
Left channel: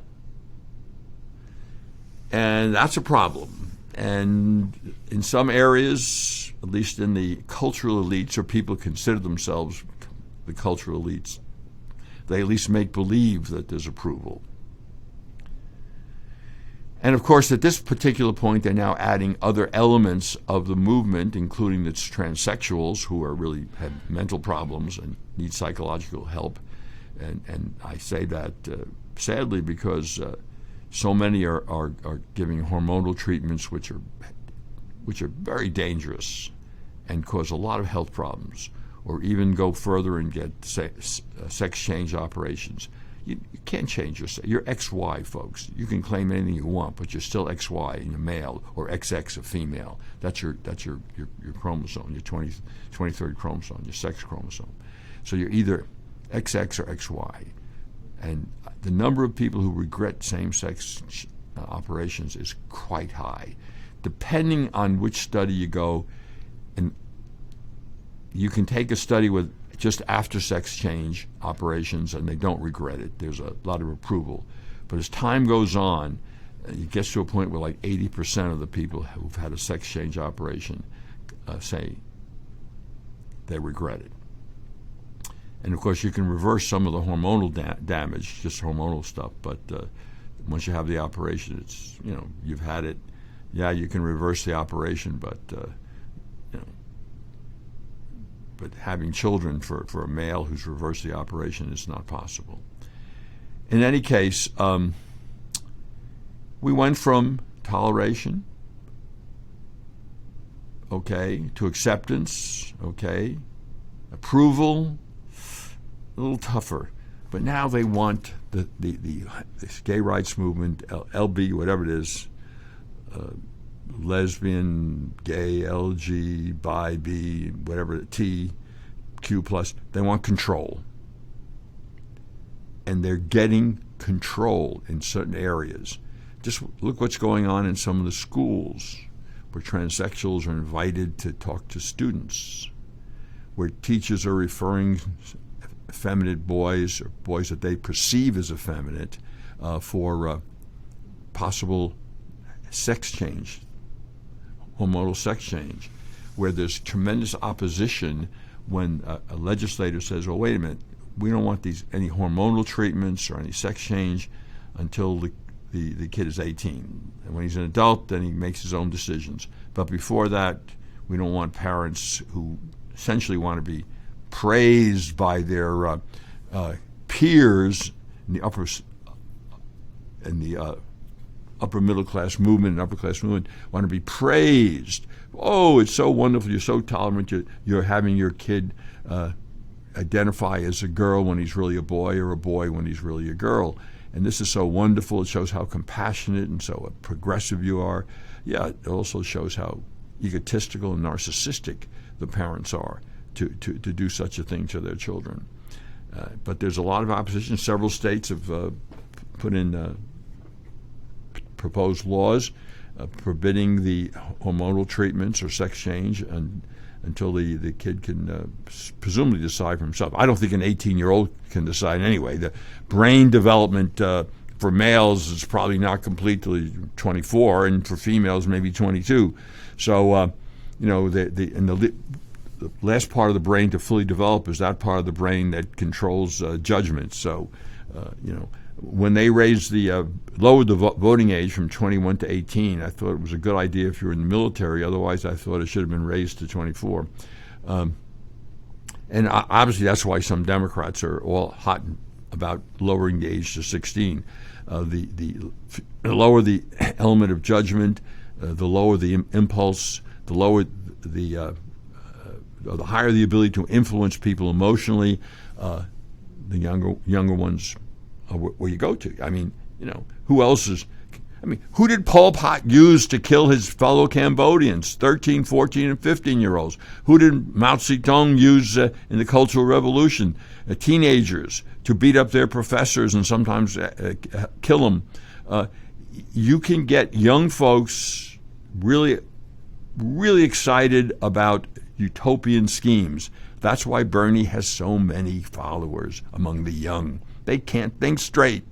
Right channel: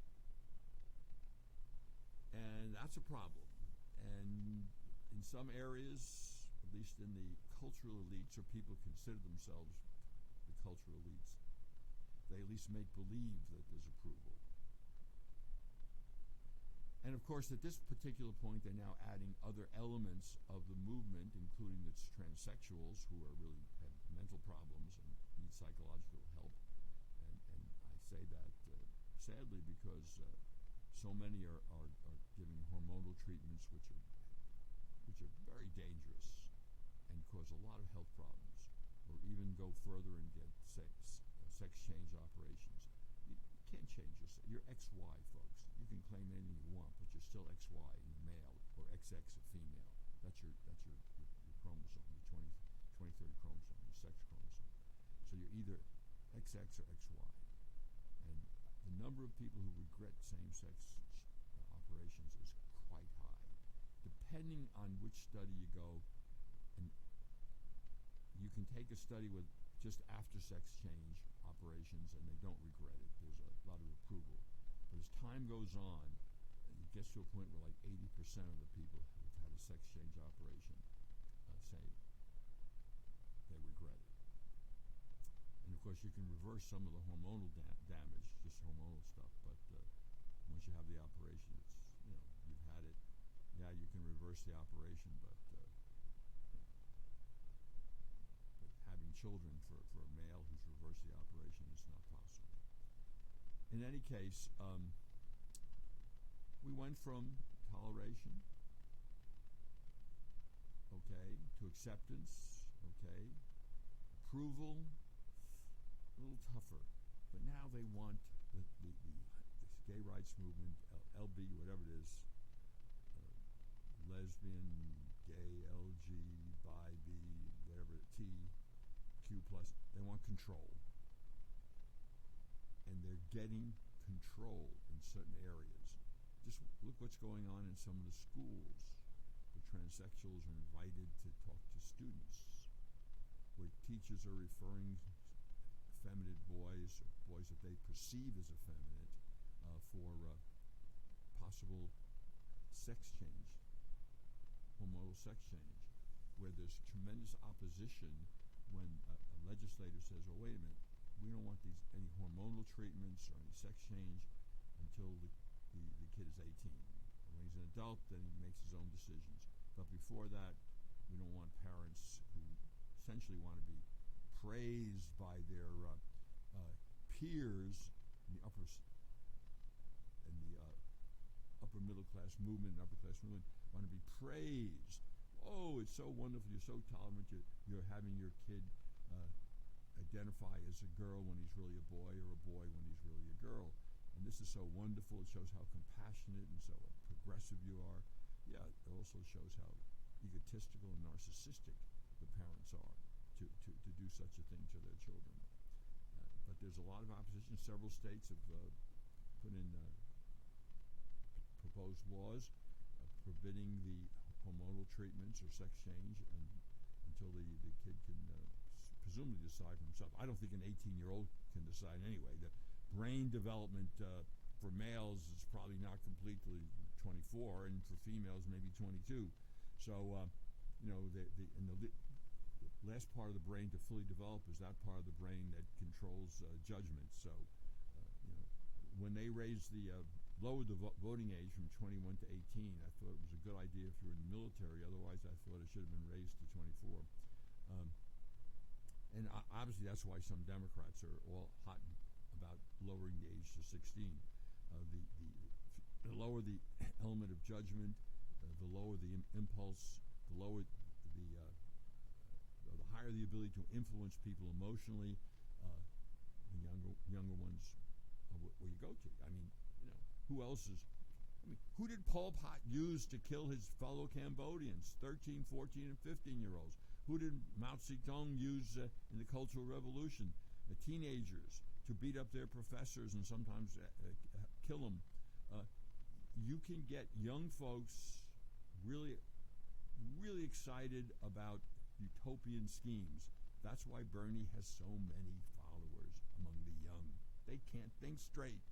And that's a problem. And in some areas, at least in the cultural elites, or people consider themselves the cultural elites, they at least make believe that there's approval. And of course, at this particular point, they're now adding other elements of the movement, including the transsexuals who are really have mental problems and need psychological help. And I say that sadly because so many are giving hormonal treatments which are very dangerous and cause a lot of health problems, or even go further and get sex change operations. You can't change yourself. You're XY, folks. You can claim anything you want, but you're still XY in a male, or XX a female. That's your chromosome, your 23rd chromosome, your sex chromosome. So you're either XX or XY. And the number of people who regret same-sex operations is quite high. Depending on which study you go, and you can take a study with just after sex change operations and they don't regret it. There's a lot of approval. But as time goes on, it gets to a point where like 80% of the people who've had a sex change operation say they regret it. And of course, you can reverse some of the hormonal damage, just hormonal stuff. But once you have the operation, it's, you've had it. Yeah, you can reverse the operation, but but having children for a male who's reversed the operation is not possible. In any case, we went from toleration, to acceptance, approval, a little tougher. But now they want this gay rights movement, LB, whatever it is, lesbian, gay, LG, bi, B, whatever, T, Q+, they want control. And they're getting control in certain areas. Just look what's going on in some of the schools where transsexuals are invited to talk to students, where teachers are referring effeminate boys, or boys that they perceive as effeminate, for possible sex change, hormonal sex change, where there's tremendous opposition when a legislator says, "Oh, wait a minute, we don't want any hormonal treatments or any sex change until the kid is 18. And when he's an adult, then he makes his own decisions. But before that, we don't want parents who essentially want to be praised by their peers in the upper middle class movement and upper class movement want to be praised. Oh, it's so wonderful. You're so tolerant. You're having your kid identify as a girl when he's really a boy, or a boy when he's really a girl. And this is so wonderful. It shows how compassionate and so progressive you are. Yeah, it also shows how egotistical and narcissistic the parents are to do such a thing to their children. But there's a lot of opposition. Several states have put in proposed laws forbidding the hormonal treatments or sex change until the kid can presumably decide for himself. I don't think an 18-year-old can decide anyway. The brain development for males is probably not complete till 24, and for females maybe 22. So, the last part of the brain to fully develop is that part of the brain that controls judgment. So, when they raised lowered the voting age from 21 to 18, I thought it was a good idea if you were in the military. Otherwise, I thought it should have been raised to 24. And obviously, that's why some Democrats are all hot about lowering the age to 16. The lower the element of judgment, the lower the impulse, the lower the higher the ability to influence people emotionally, the younger ones are where you go to. I mean, who else is? I mean, who did Pol Pot use to kill his fellow Cambodians, 13, 14, and 15-year-olds? Who did Mao Zedong use in the Cultural Revolution? Teenagers to beat up their professors and sometimes kill them. You can get young folks really, really excited about utopian schemes. That's why Bernie has so many followers among the young. They can't think straight.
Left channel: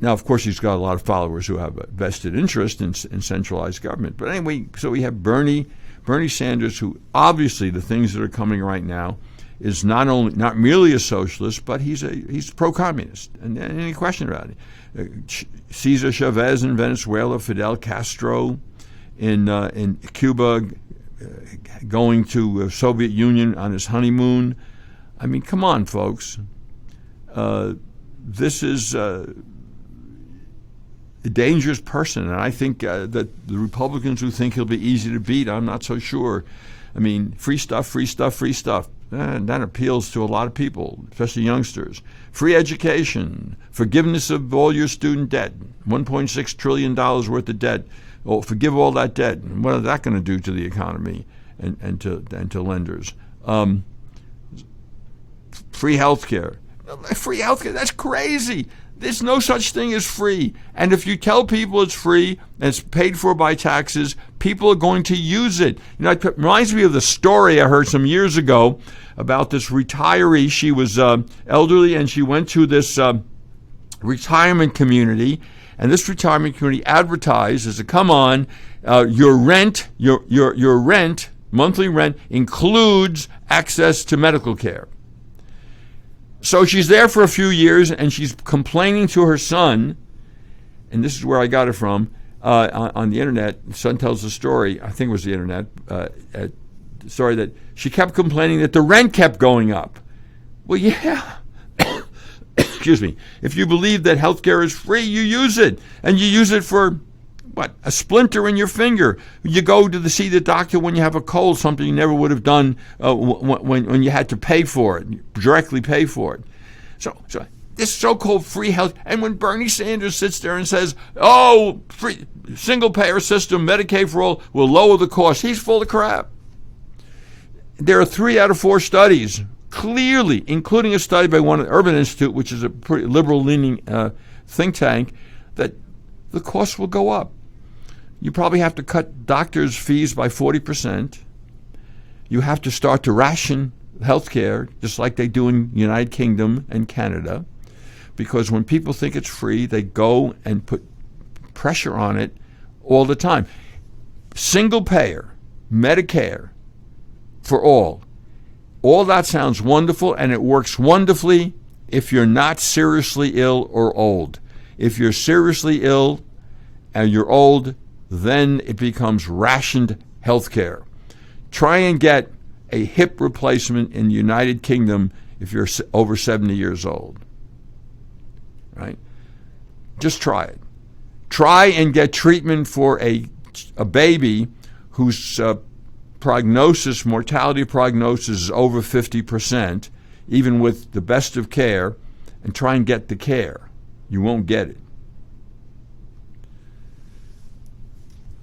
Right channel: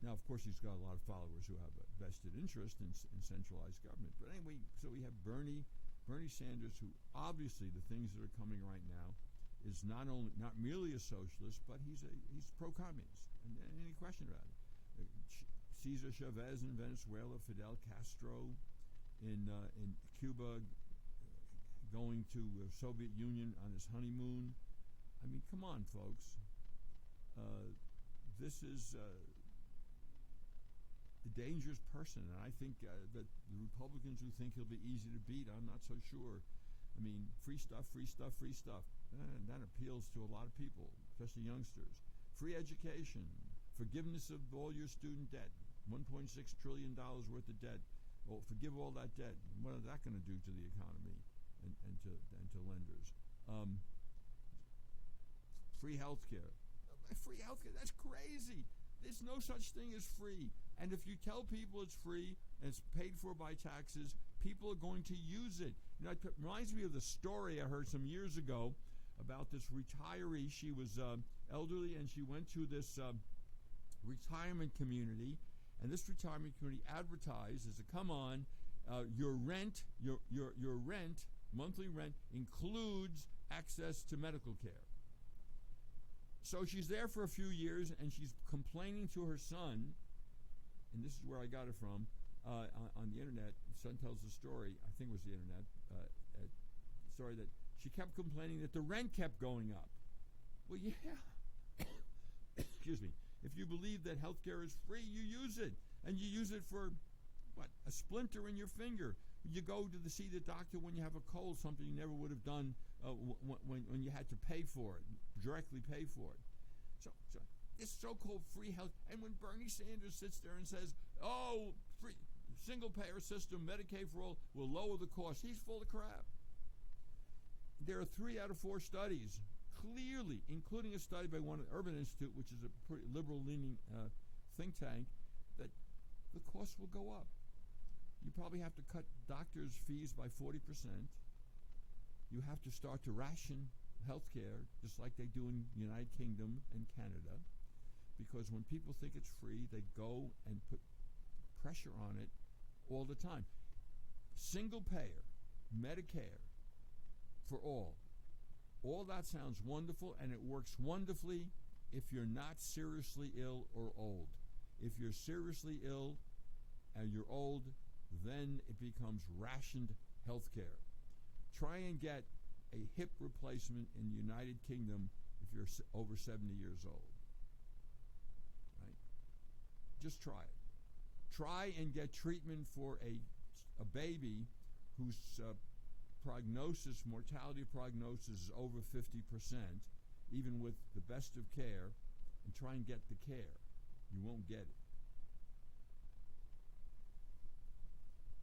Now, of course, he's got a lot of followers who have a vested interest in centralized government. But anyway, so we have Bernie Sanders, who obviously the things that are coming right now is not merely a socialist, but he's pro-communist, and any question about it. Cesar Chavez in Venezuela, Fidel Castro in Cuba, going to the Soviet Union on his honeymoon. I mean, come on, folks. This is a dangerous person, and I think that the Republicans who think he'll be easy to beat, I'm not so sure. I mean, free stuff, free stuff, free stuff. That appeals to a lot of people, especially youngsters. Free education, forgiveness of all your student debt, $1.6 trillion worth of debt. Oh, forgive all that debt. And what is that going to do to the economy and to lenders? Free health care. Free health care, that's crazy. There's no such thing as free. And if you tell people it's free and it's paid for by taxes, people are going to use it. You know, it reminds me of the story I heard some years ago about this retiree. She was elderly, and she went to this retirement community, and this retirement community advertised as a, come on, your rent, your rent, monthly rent, includes access to medical care. So she's there for a few years, and she's complaining to her son, and this is where I got it from, on the internet. The son tells the story, I think it was the internet, story that she kept complaining that the rent kept going up. Well, yeah. Excuse me. If you believe that health care is free, you use it. And you use it for, what, a splinter in your finger. You go to see the doctor when you have a cold, something you never would have done when you had to pay for it, directly pay for it. So this so-called free health, and when Bernie Sanders sits there and says, oh, free single-payer system, Medicaid for all, will lower the cost, he's full of crap. There are 3 out of 4 studies, clearly, including a study by one at Urban Institute, which is a pretty liberal-leaning think tank, that the costs will go up. You probably have to cut doctors' fees by 40%. You have to start to ration health care, just like they do in the United Kingdom and Canada, because when people think it's free, they go and put pressure on it all the time. Single payer, Medicare for all that sounds wonderful, and it works wonderfully if you're not seriously ill or old. If you're seriously ill and you're old, then it becomes rationed health care. Try and get a hip replacement in the United Kingdom if you're over 70 years old. Right? Just try it. Try and get treatment for a baby whose mortality prognosis is over 50%, even with the best of care, and try and get the care. You won't get it.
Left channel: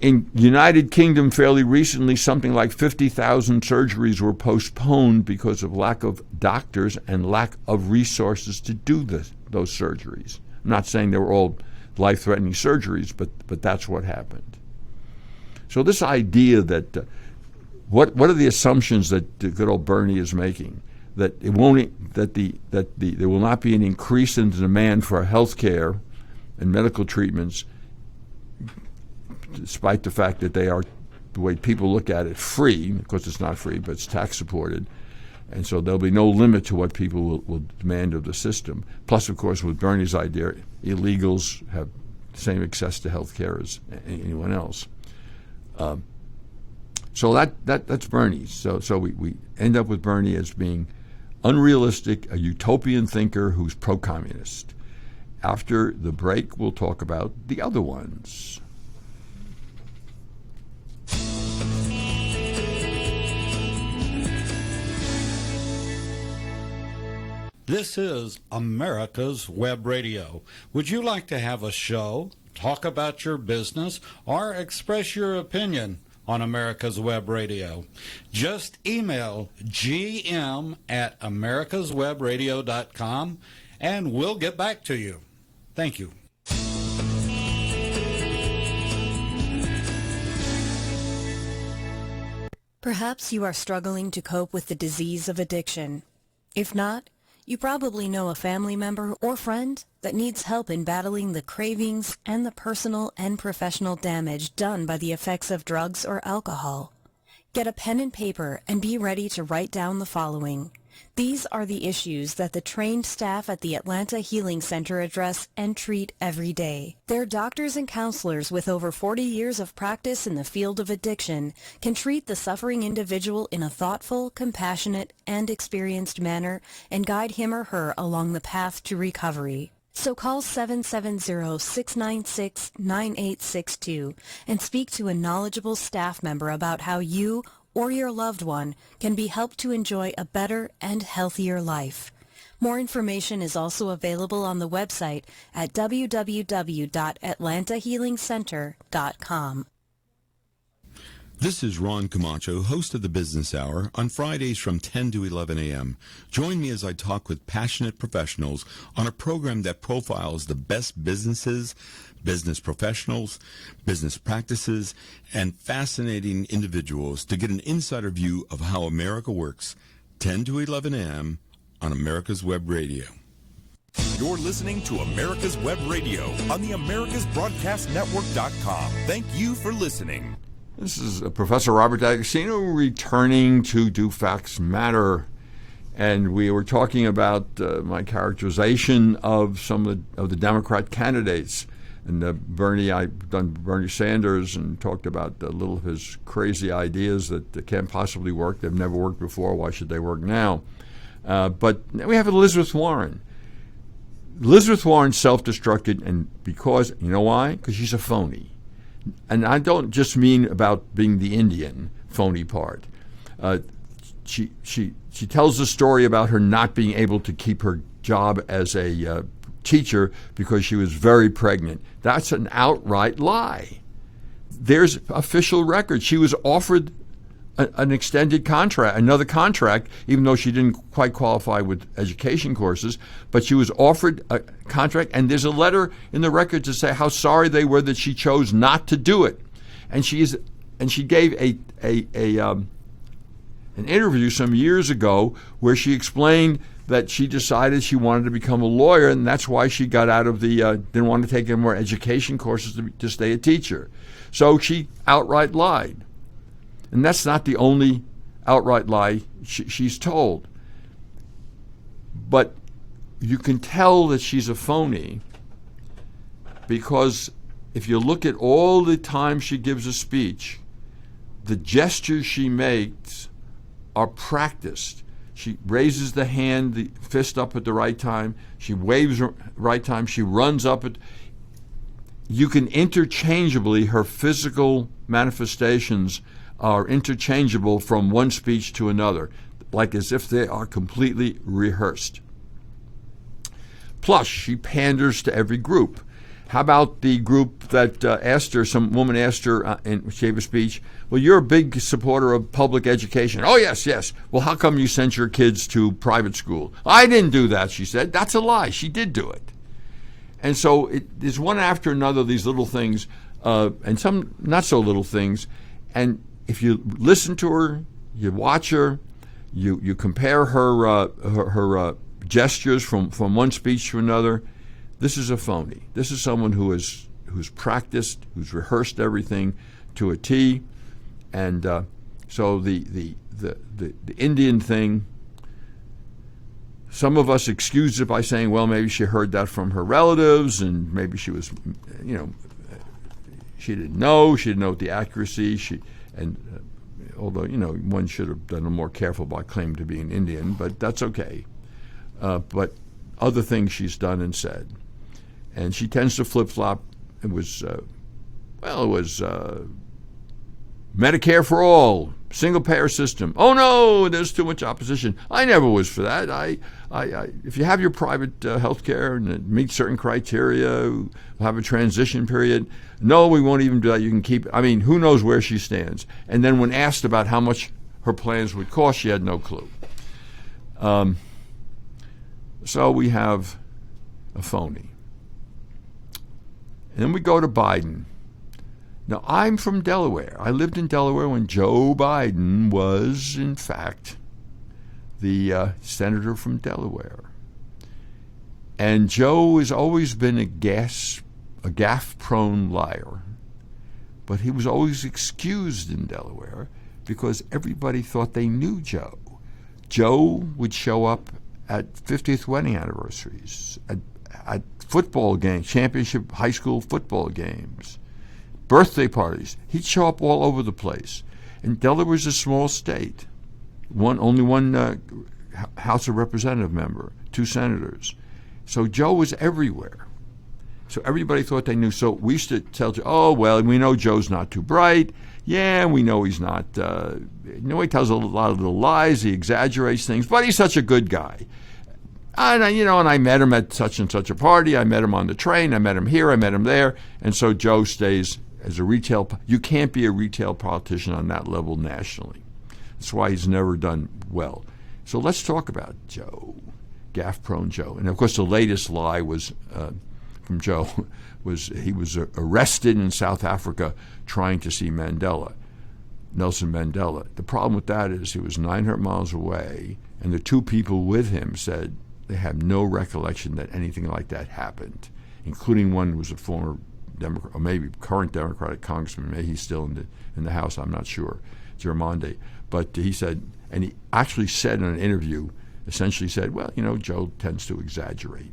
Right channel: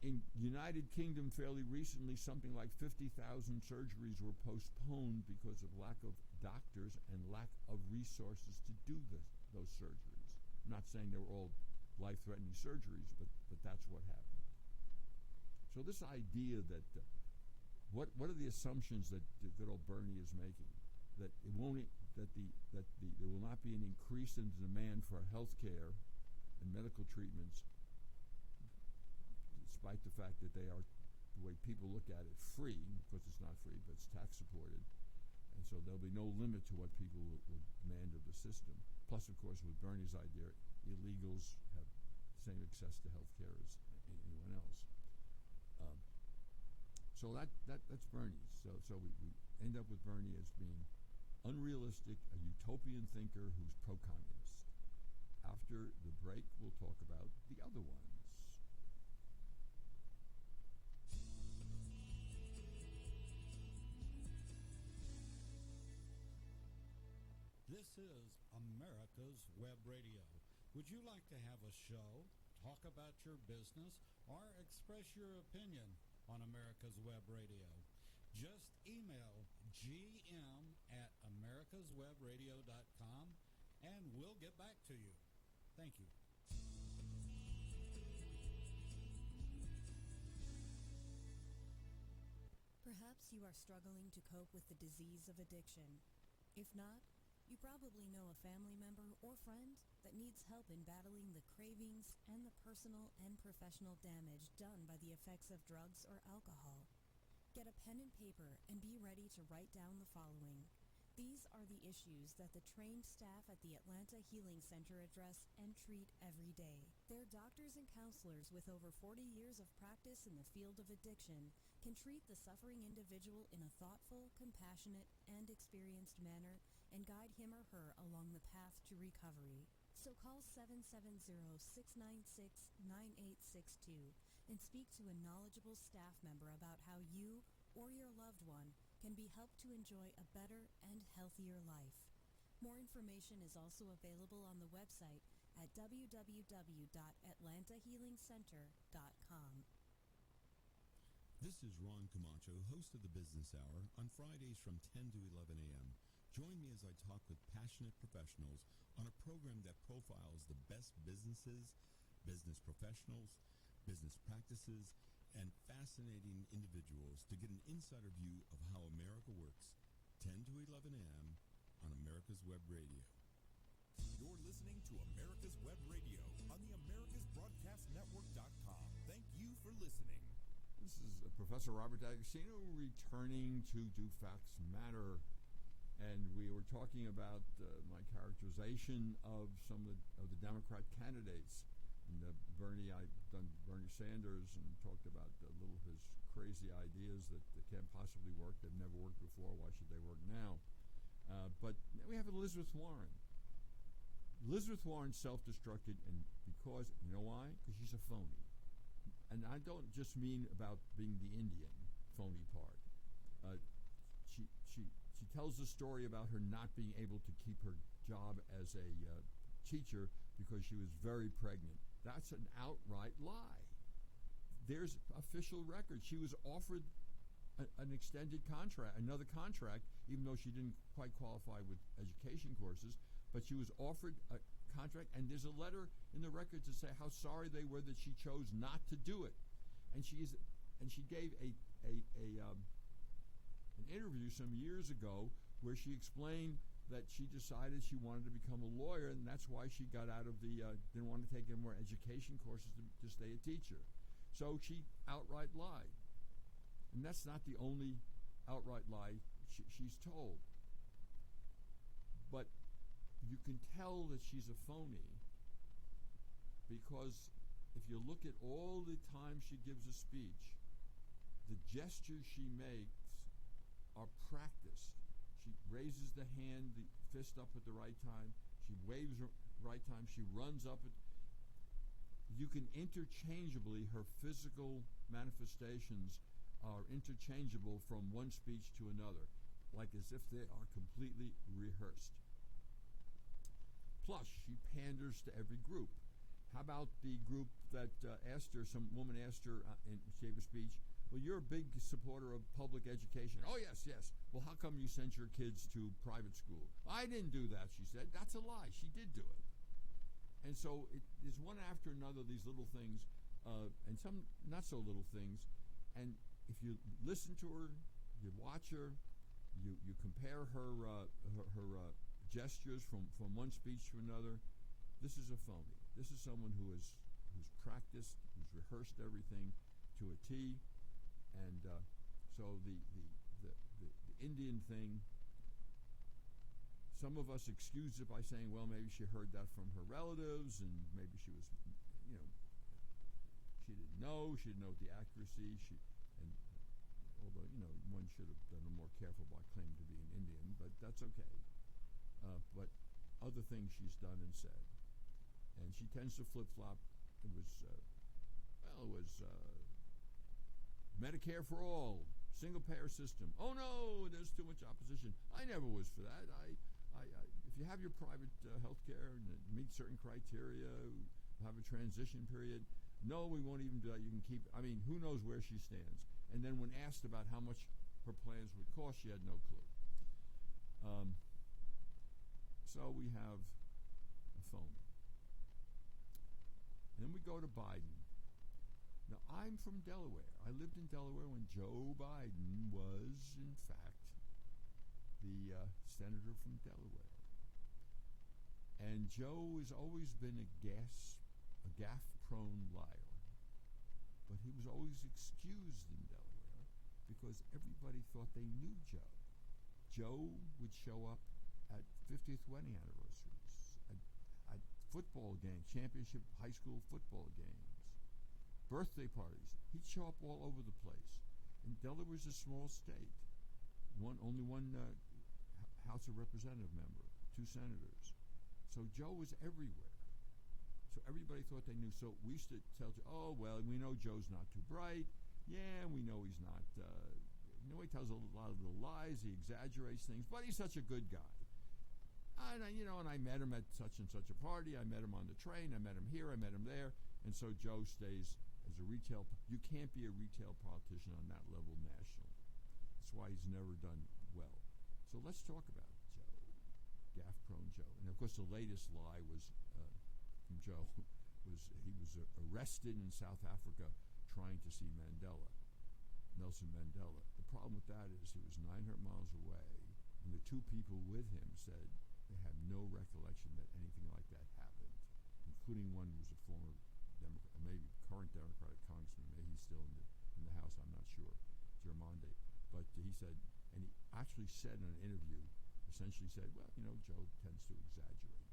In United Kingdom, fairly recently, something like 50,000 surgeries were postponed because of lack of doctors and lack of resources to do those surgeries. I'm not saying they were all life-threatening surgeries, but that's what happened. So this idea that what are the assumptions that the good old Bernie is making? That it won't, that there will not be an increase in the demand for health care and medical treatments, despite the fact that they are, the way people look at it, free. Of course, it's not free, but it's tax-supported. And so there'll be no limit to what people will demand of the system. Plus, of course, with Bernie's idea, illegals have the same access to health care as anyone else. So that's Bernie. So we end up with Bernie as being unrealistic, a utopian thinker who's pro-communist. After the break, we'll talk about the other ones. This is America's Web Radio. Would you like to have a show, talk about your business, or express your opinion on America's Web Radio? Just email gm@americaswebradio.com and we'll get back to you. Thank you. Perhaps you are struggling to cope with the disease of addiction. If not, you probably know a family member or friend that needs help in battling the cravings and the personal and professional damage done by the effects of drugs or alcohol. Get a pen and paper and be ready to write down the following. These are the issues that the trained staff at the Atlanta Healing Center address and treat every day. Their doctors and counselors with over 40 years of practice in the field of addiction can treat the suffering individual in a thoughtful, compassionate, and experienced manner and guide him or her along the path to recovery. So call 770-696-9862 and speak to a knowledgeable staff member about how you or your loved one can be helped to enjoy a better and healthier life. More information is also available on the website at www.atlantahealingcenter.com. This is Ron Camacho, host of the Business Hour, on Fridays from 10 to 11 a.m. Join me as I talk with passionate professionals on a program that profiles the best businesses, business professionals, business practices, and fascinating individuals to get an insider view of how America works. 10 to 11 a.m. on America's Web Radio. You're listening to America's Web Radio on the AmericasBroadcastNetwork.com. Thank you for listening. This is Professor Robert D'Agostino returning to Do Facts Matter. And we were talking about my characterization of some of the Democrat candidates. And I've done Bernie Sanders and talked about a little of his crazy ideas that can't possibly work. They've never worked before. Why should they work now? But we have Elizabeth Warren. Elizabeth Warren self-destructed, and because, you know why? Because she's a phony. And I don't just mean about being the Indian phony part. She tells the story about her not being able to keep her job as a teacher because she was very pregnant. That's an outright lie. There's official record. She was offered an extended contract, another contract, even though she didn't quite qualify with education courses, but she was offered a contract, and there's a letter in the record to say how sorry they were that she chose not to do it. And she gave an interview some years ago where she explained that she decided she wanted to become a lawyer, and that's why she got out of didn't want to take any more education courses to stay a teacher. So she outright lied. And that's not the only outright lie she's told. But you can tell that she's a phony because if you look at all the time she gives a speech, the gestures she makes are practiced. She raises the hand, the fist up at the right time. She waves right time. She runs up at. You can interchangeably, her physical manifestations are interchangeable from one speech to another, like as if they are completely rehearsed. Plus, she panders to every group. How about the group that some woman asked her, and she gave a speech, well, you're a big supporter of public education. Oh, yes. Well, how come you sent your kids to private school? I didn't do that, she said. That's a lie. She did do it. And so there's one after another, these little things, and some not so little things. And if you listen to her, you watch her, you compare her gestures from one speech to another, this is a phony. This is someone who's practiced, who's rehearsed everything to a T. And so the Indian thing, some of us excuse it by saying, well, maybe she heard that from her relatives, and maybe she was, she didn't know the accuracy. Although, one should have been more careful about claiming to be an Indian, but that's okay. But other things she's done and said. And she tends to flip-flop. It was Medicare for all, single-payer system. Oh no, there's too much opposition. I never was for that. If you have your private health care and it meets certain criteria, we'll have a transition period. No, we won't even do that. You can keep it. I mean, who knows where she stands? And then when asked about how much her plans would cost, she had no clue. So we have a phony. And then we go to Biden. Now, I'm from Delaware. I lived in Delaware when Joe Biden was, in fact, the senator from Delaware. And Joe has always been a gaffe-prone liar. But he was always excused in Delaware because everybody thought they knew Joe. Joe would show up at 50th wedding anniversaries, at football games, championship high school football games, birthday parties. He'd show up all over the place. And Delaware's a small state. Only one House of Representative member, 2 senators. So Joe was everywhere. So everybody thought they knew. So we used to tell Joe, oh, well, we know Joe's not too bright. Yeah, we know he's not, he tells a lot of little lies, he exaggerates things, but he's such a good guy. And I met him at such and such a party, I met him on the train, I met him here, I met him there, and so Joe stays as a retail, you can't be a retail politician on that level nationally. That's why he's never done well. So let's talk about Joe, gaffe-prone Joe. And of course the latest lie was from Joe was he was arrested in South Africa trying to see Mandela, Nelson Mandela. The problem with that is he was 900 miles away, and the 2 people with him said they have no recollection that anything like that happened, including one who was a former Democrat, or maybe current Democratic congressman. Maybe he's still in the House, I'm not sure, Germonde. But he said, and he actually said in an interview, essentially said, well, Joe tends to exaggerate.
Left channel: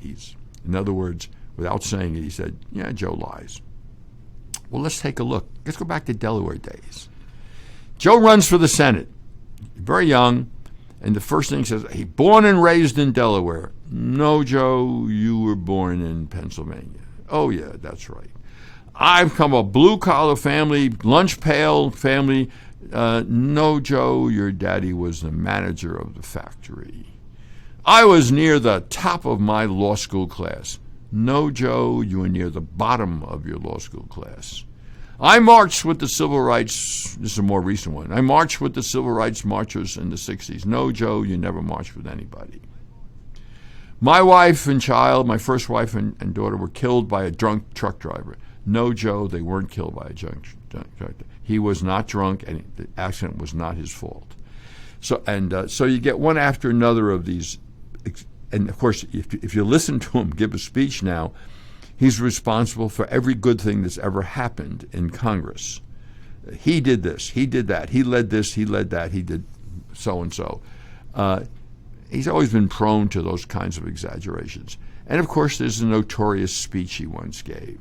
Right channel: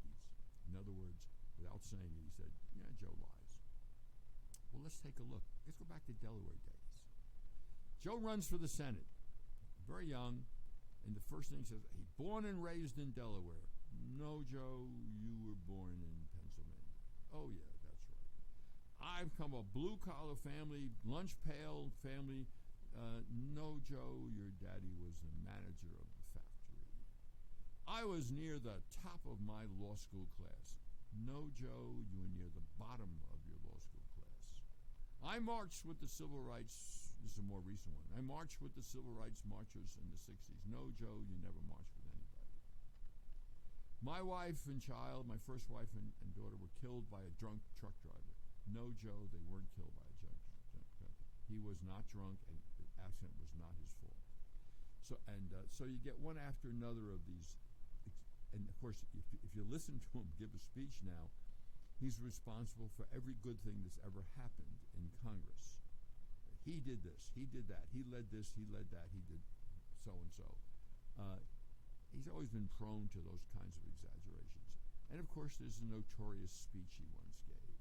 In other words, without saying it, he said, yeah, Joe lies. Well, let's take a look. Let's go back to Delaware days. Joe runs for the Senate, very young, and the first thing he says, he born and raised in Delaware. No, Joe, you were born in Pennsylvania. Oh, yeah, that's right. I'm from a blue-collar family, lunch pail family. No, Joe, your daddy was the manager of the factory. I was near the top of my law school class. No, Joe, you were near the bottom of your law school class. I marched with the civil rights, this is a more recent one. I marched with the civil rights marchers in the 60s. No, Joe, you never marched with anybody. My wife and child, my first wife and daughter, were killed by a drunk truck driver. No, Joe, they weren't killed by a drunk truck driver. He was not drunk, and the accident was not his fault. So you get one after another of these. And, of course, if you listen to him give a speech now, he's responsible for every good thing that's ever happened in Congress. He did this. He did that. He led this. He led that. He did so-and-so. He's always been prone to those kinds of exaggerations. And, of course, there's a notorious speech he once gave.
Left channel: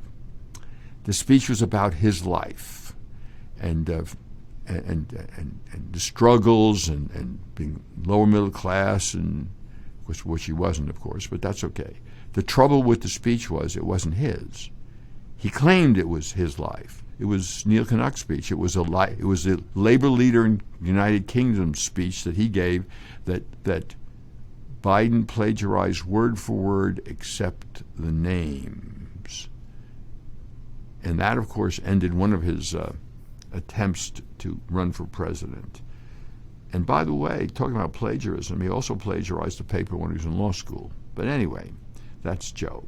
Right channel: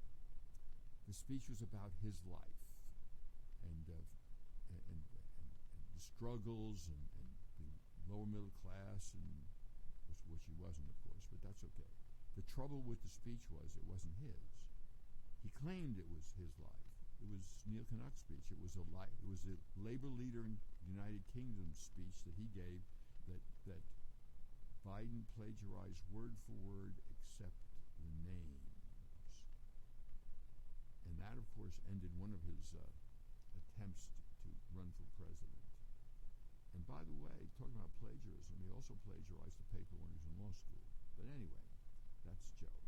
The speech was about his life and the struggles and being lower middle class, and which he wasn't, of course, but that's okay. The trouble with the speech was it wasn't his. He claimed it was his life. It was Neil Kinnock's speech. It was a labor leader in the United Kingdom speech that he gave that Biden plagiarized word for word except the names. And that, of course, ended one of his attempts to run for president. And by the way, talking about plagiarism, he also plagiarized a paper when he was in law school. But anyway, that's Joe.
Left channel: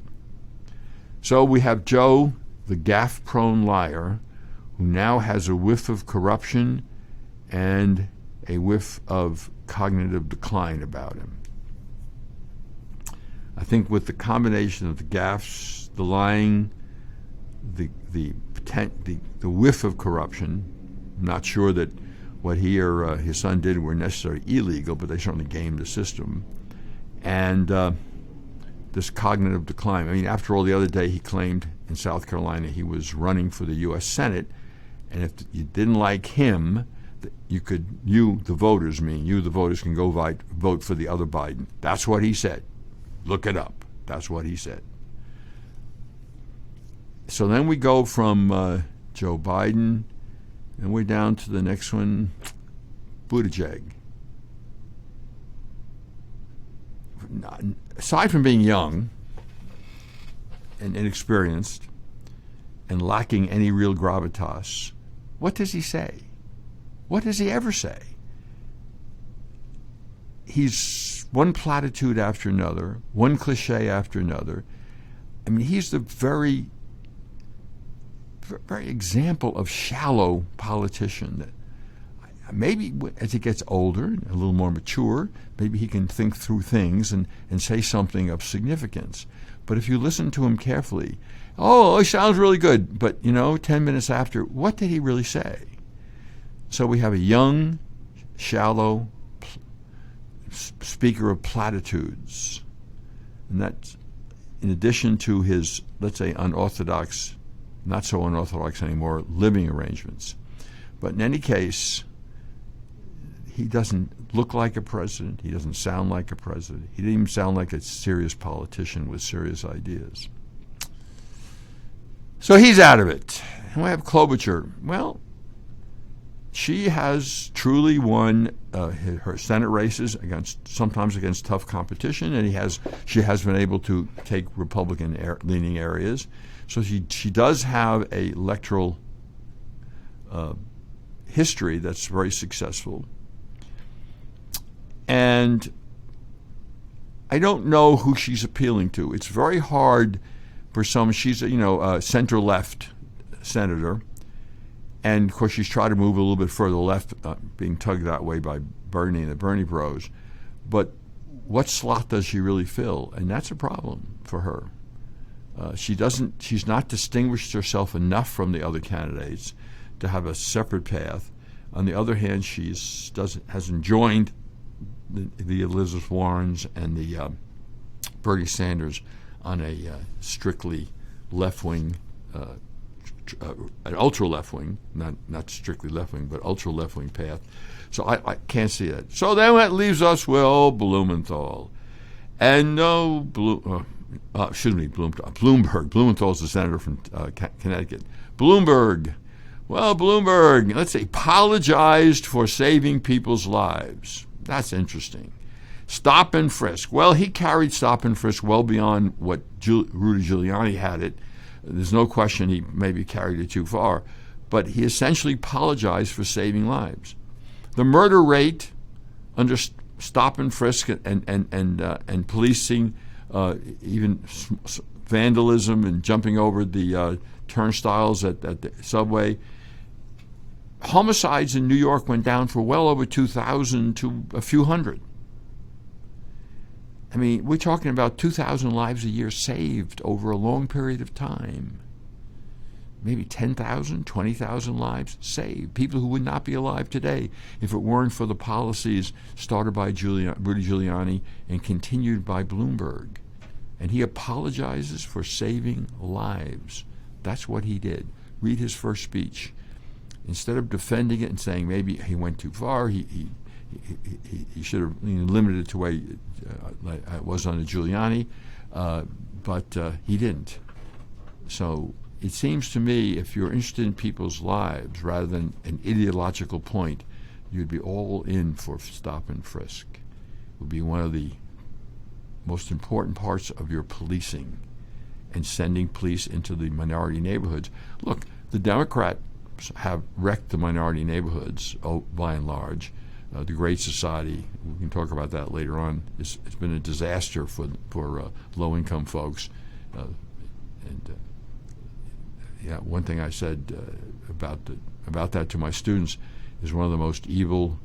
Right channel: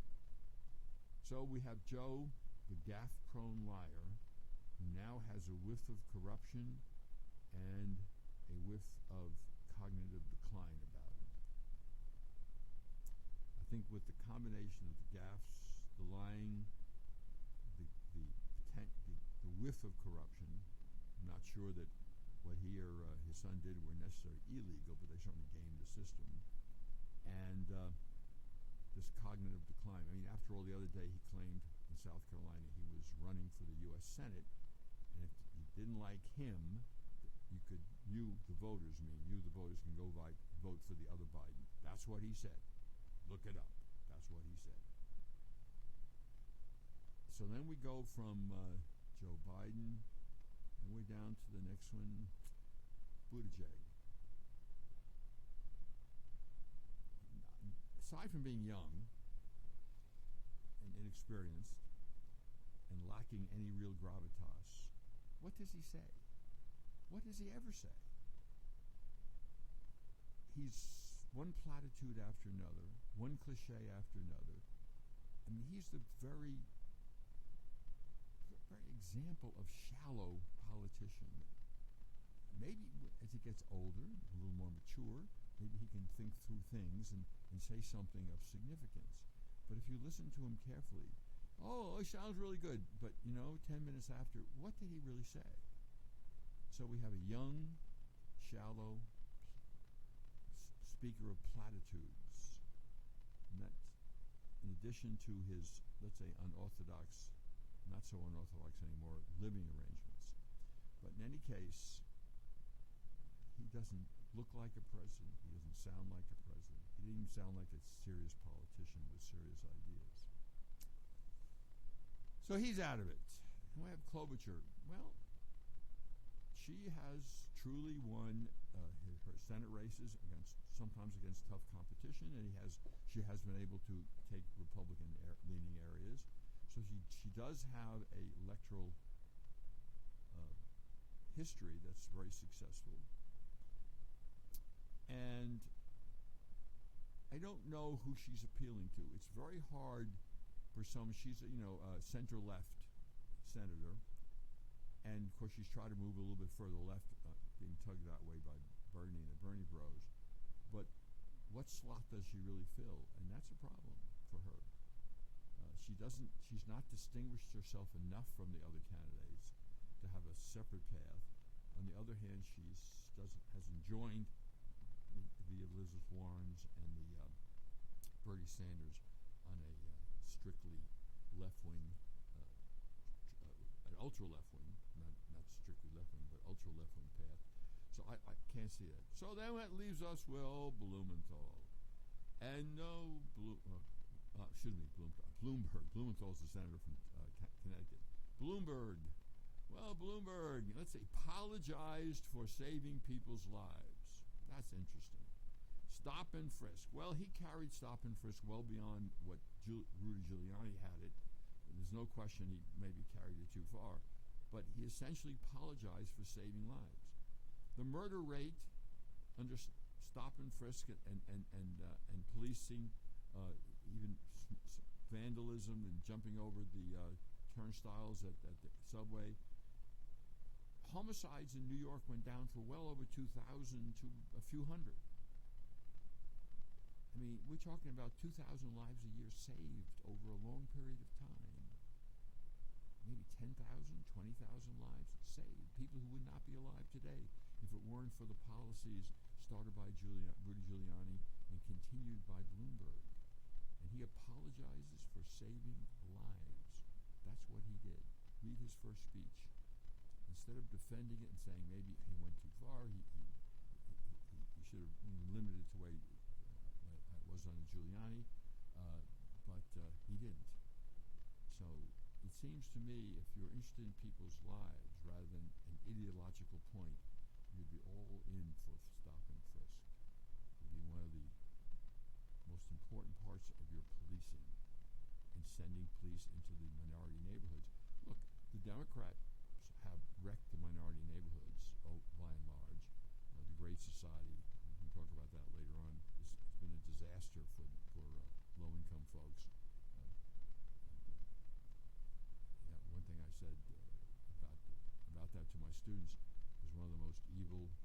So we have Joe, the gaffe-prone liar, who now has a whiff of corruption and a whiff of cognitive decline about him. I think with the combination of the gaffes, the lying, the whiff of corruption, I'm not sure that what he or his son did were necessarily illegal, but they certainly gamed the system. And this cognitive decline. I mean, after all, the other day he claimed in South Carolina he was running for the U.S. Senate, and if you didn't like him, the voters can go vote for the other Biden. That's what he said. Look it up. That's what he said. So then we go from Joe Biden, and we're down to the next one, Buttigieg, aside from being young and inexperienced and lacking any real gravitas, what does he say? What does he ever say? He's one platitude after another, one cliche after another. I mean, he's the very example of shallow politician. That maybe as he gets older, a little more mature, maybe he can think through things and say something of significance. But if you listen to him carefully, oh, it sounds really good, but 10 minutes after, what did he really say? So we have a young, shallow speaker of platitudes. And that's in addition to his, let's say, unorthodox, not so unorthodox anymore, living arrangements. But in any case, he doesn't look like a president. He doesn't sound like a president. He didn't even sound like a serious politician with serious ideas. So he's out of it. And we have Klobuchar. Well, she has truly won her Senate races sometimes against tough competition, and she has been able to take Republican-leaning areas. So she does have a electoral history that's very successful. And I don't know who she's appealing to. It's very hard for some. She's a center-left senator, and of course she's tried to move a little bit further left, being tugged that way by Bernie and the Bernie Bros. But what slot does she really fill? And that's a problem for her. She's not distinguished herself enough from the other candidates to have a separate path. On the other hand, hasn't joined the Elizabeth Warrens and the Bernie Sanders on a strictly left-wing, an ultra-left-wing, not strictly left-wing, but ultra-left-wing path. So I can't see that. So then that leaves us with Blumenthal. And no, Bloomberg. Blumenthal's the senator from Connecticut. Bloomberg. Well, Bloomberg, let's say, apologized for saving people's lives. That's interesting. Stop and frisk. Well, he carried stop and frisk well beyond what Rudy Giuliani had it. There's no question he maybe carried it too far. But he essentially apologized for saving lives. The murder rate under stop and frisk and policing, even vandalism and jumping over the turnstiles at the subway, homicides in New York went down from well over 2,000 to a few hundred. I mean, we're talking about 2,000 lives a year saved over a long period of time. Maybe 10,000, 20,000 lives saved. People who would not be alive today if it weren't for the policies started by Rudy Giuliani and continued by Bloomberg. And he apologizes for saving lives. That's what he did. Read his first speech. Instead of defending it and saying maybe he went too far, he should have limited it to where it was under Giuliani, but he didn't. So it seems to me if you're interested in people's lives rather than an ideological point, you'd be all in for stop and frisk. It would be one of the most important parts of your policing and sending police into the minority neighborhoods. Look, the Democrats have wrecked the minority neighborhoods by and large. The Great Society, we can talk about that later on, it's been a disaster for low-income folks. One thing I said about that to my students is one of the most evil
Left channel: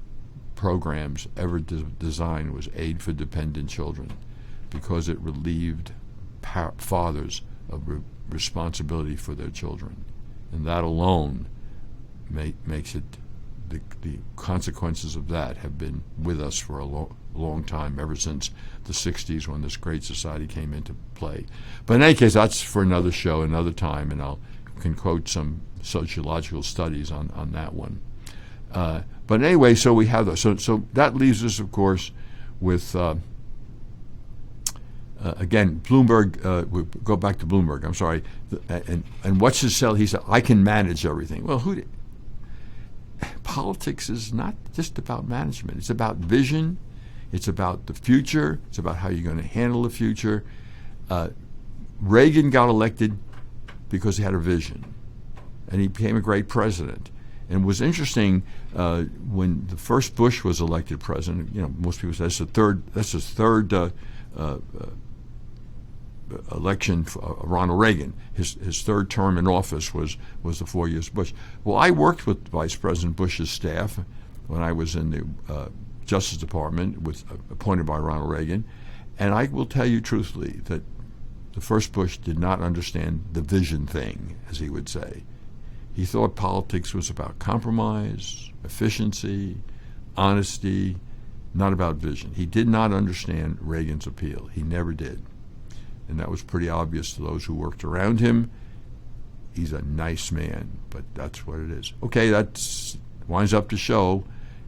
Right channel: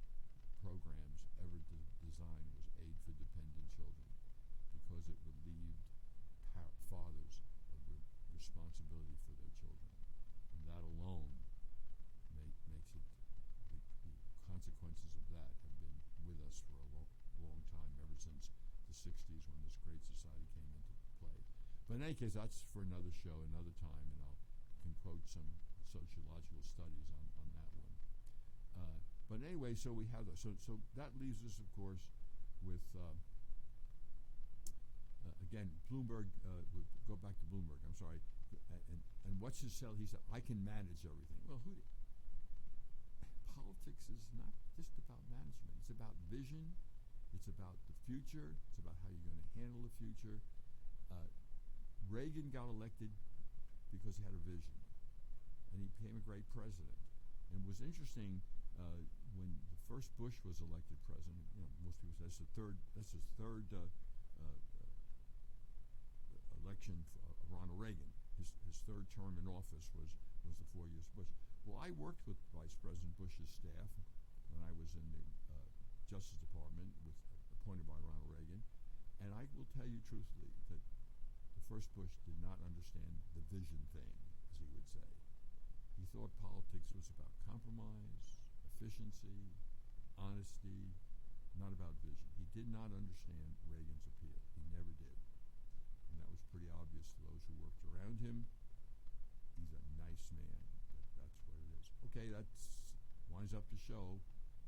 programs ever designed was Aid for Dependent Children, because it relieved fathers of responsibility for their children, and that alone makes it. The consequences of that have been with us for a long time, ever since the 60s when this Great Society came into play. But in any case, that's for another show, another time, and I can quote some sociological studies on that one. But anyway, so we have those. So that leaves us, of course, with, again, Bloomberg. We'll go back to Bloomberg, I'm sorry. And what's his sell? He said, I can manage everything. Well, who did? politics is not just about management. It's about vision. It's about the future. It's about how you're going to handle the future. Reagan got elected because he had a vision, and he became a great president. And it was interesting when the first Bush was elected president. You know, most people say that's his third election for Ronald Reagan. His third term in office was the 4 years Bush. Well, I worked with Vice President Bush's staff when I was in the Justice Department, appointed by Ronald Reagan, and I will tell you truthfully that the first Bush did not understand the vision thing, as he would say. He thought politics was about compromise, efficiency, honesty, not about vision. He did not understand Reagan's appeal. He never did. And that was pretty obvious to those who worked around him. He's a nice man, but that's what it is. Okay, that winds up the show,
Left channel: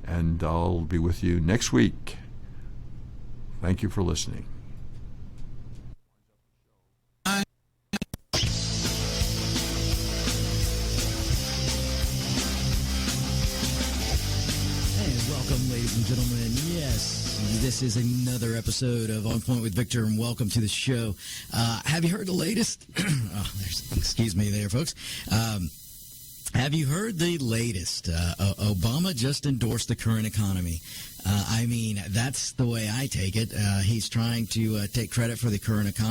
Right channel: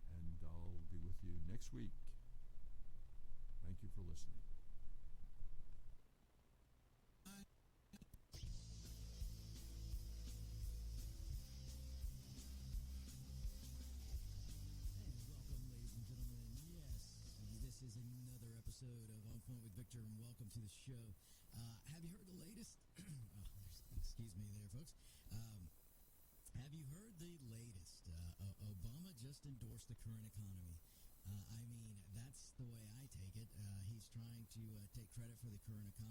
and I'll be with you next week. Thank you for listening. Ladies and gentlemen, yes, this is another episode of On Point with Victor, and welcome to the show. Have you heard the latest? Excuse me there, folks. Have you heard the latest? Obama just endorsed the current economy. I mean, that's the way I take it. He's trying to take credit for the current economy.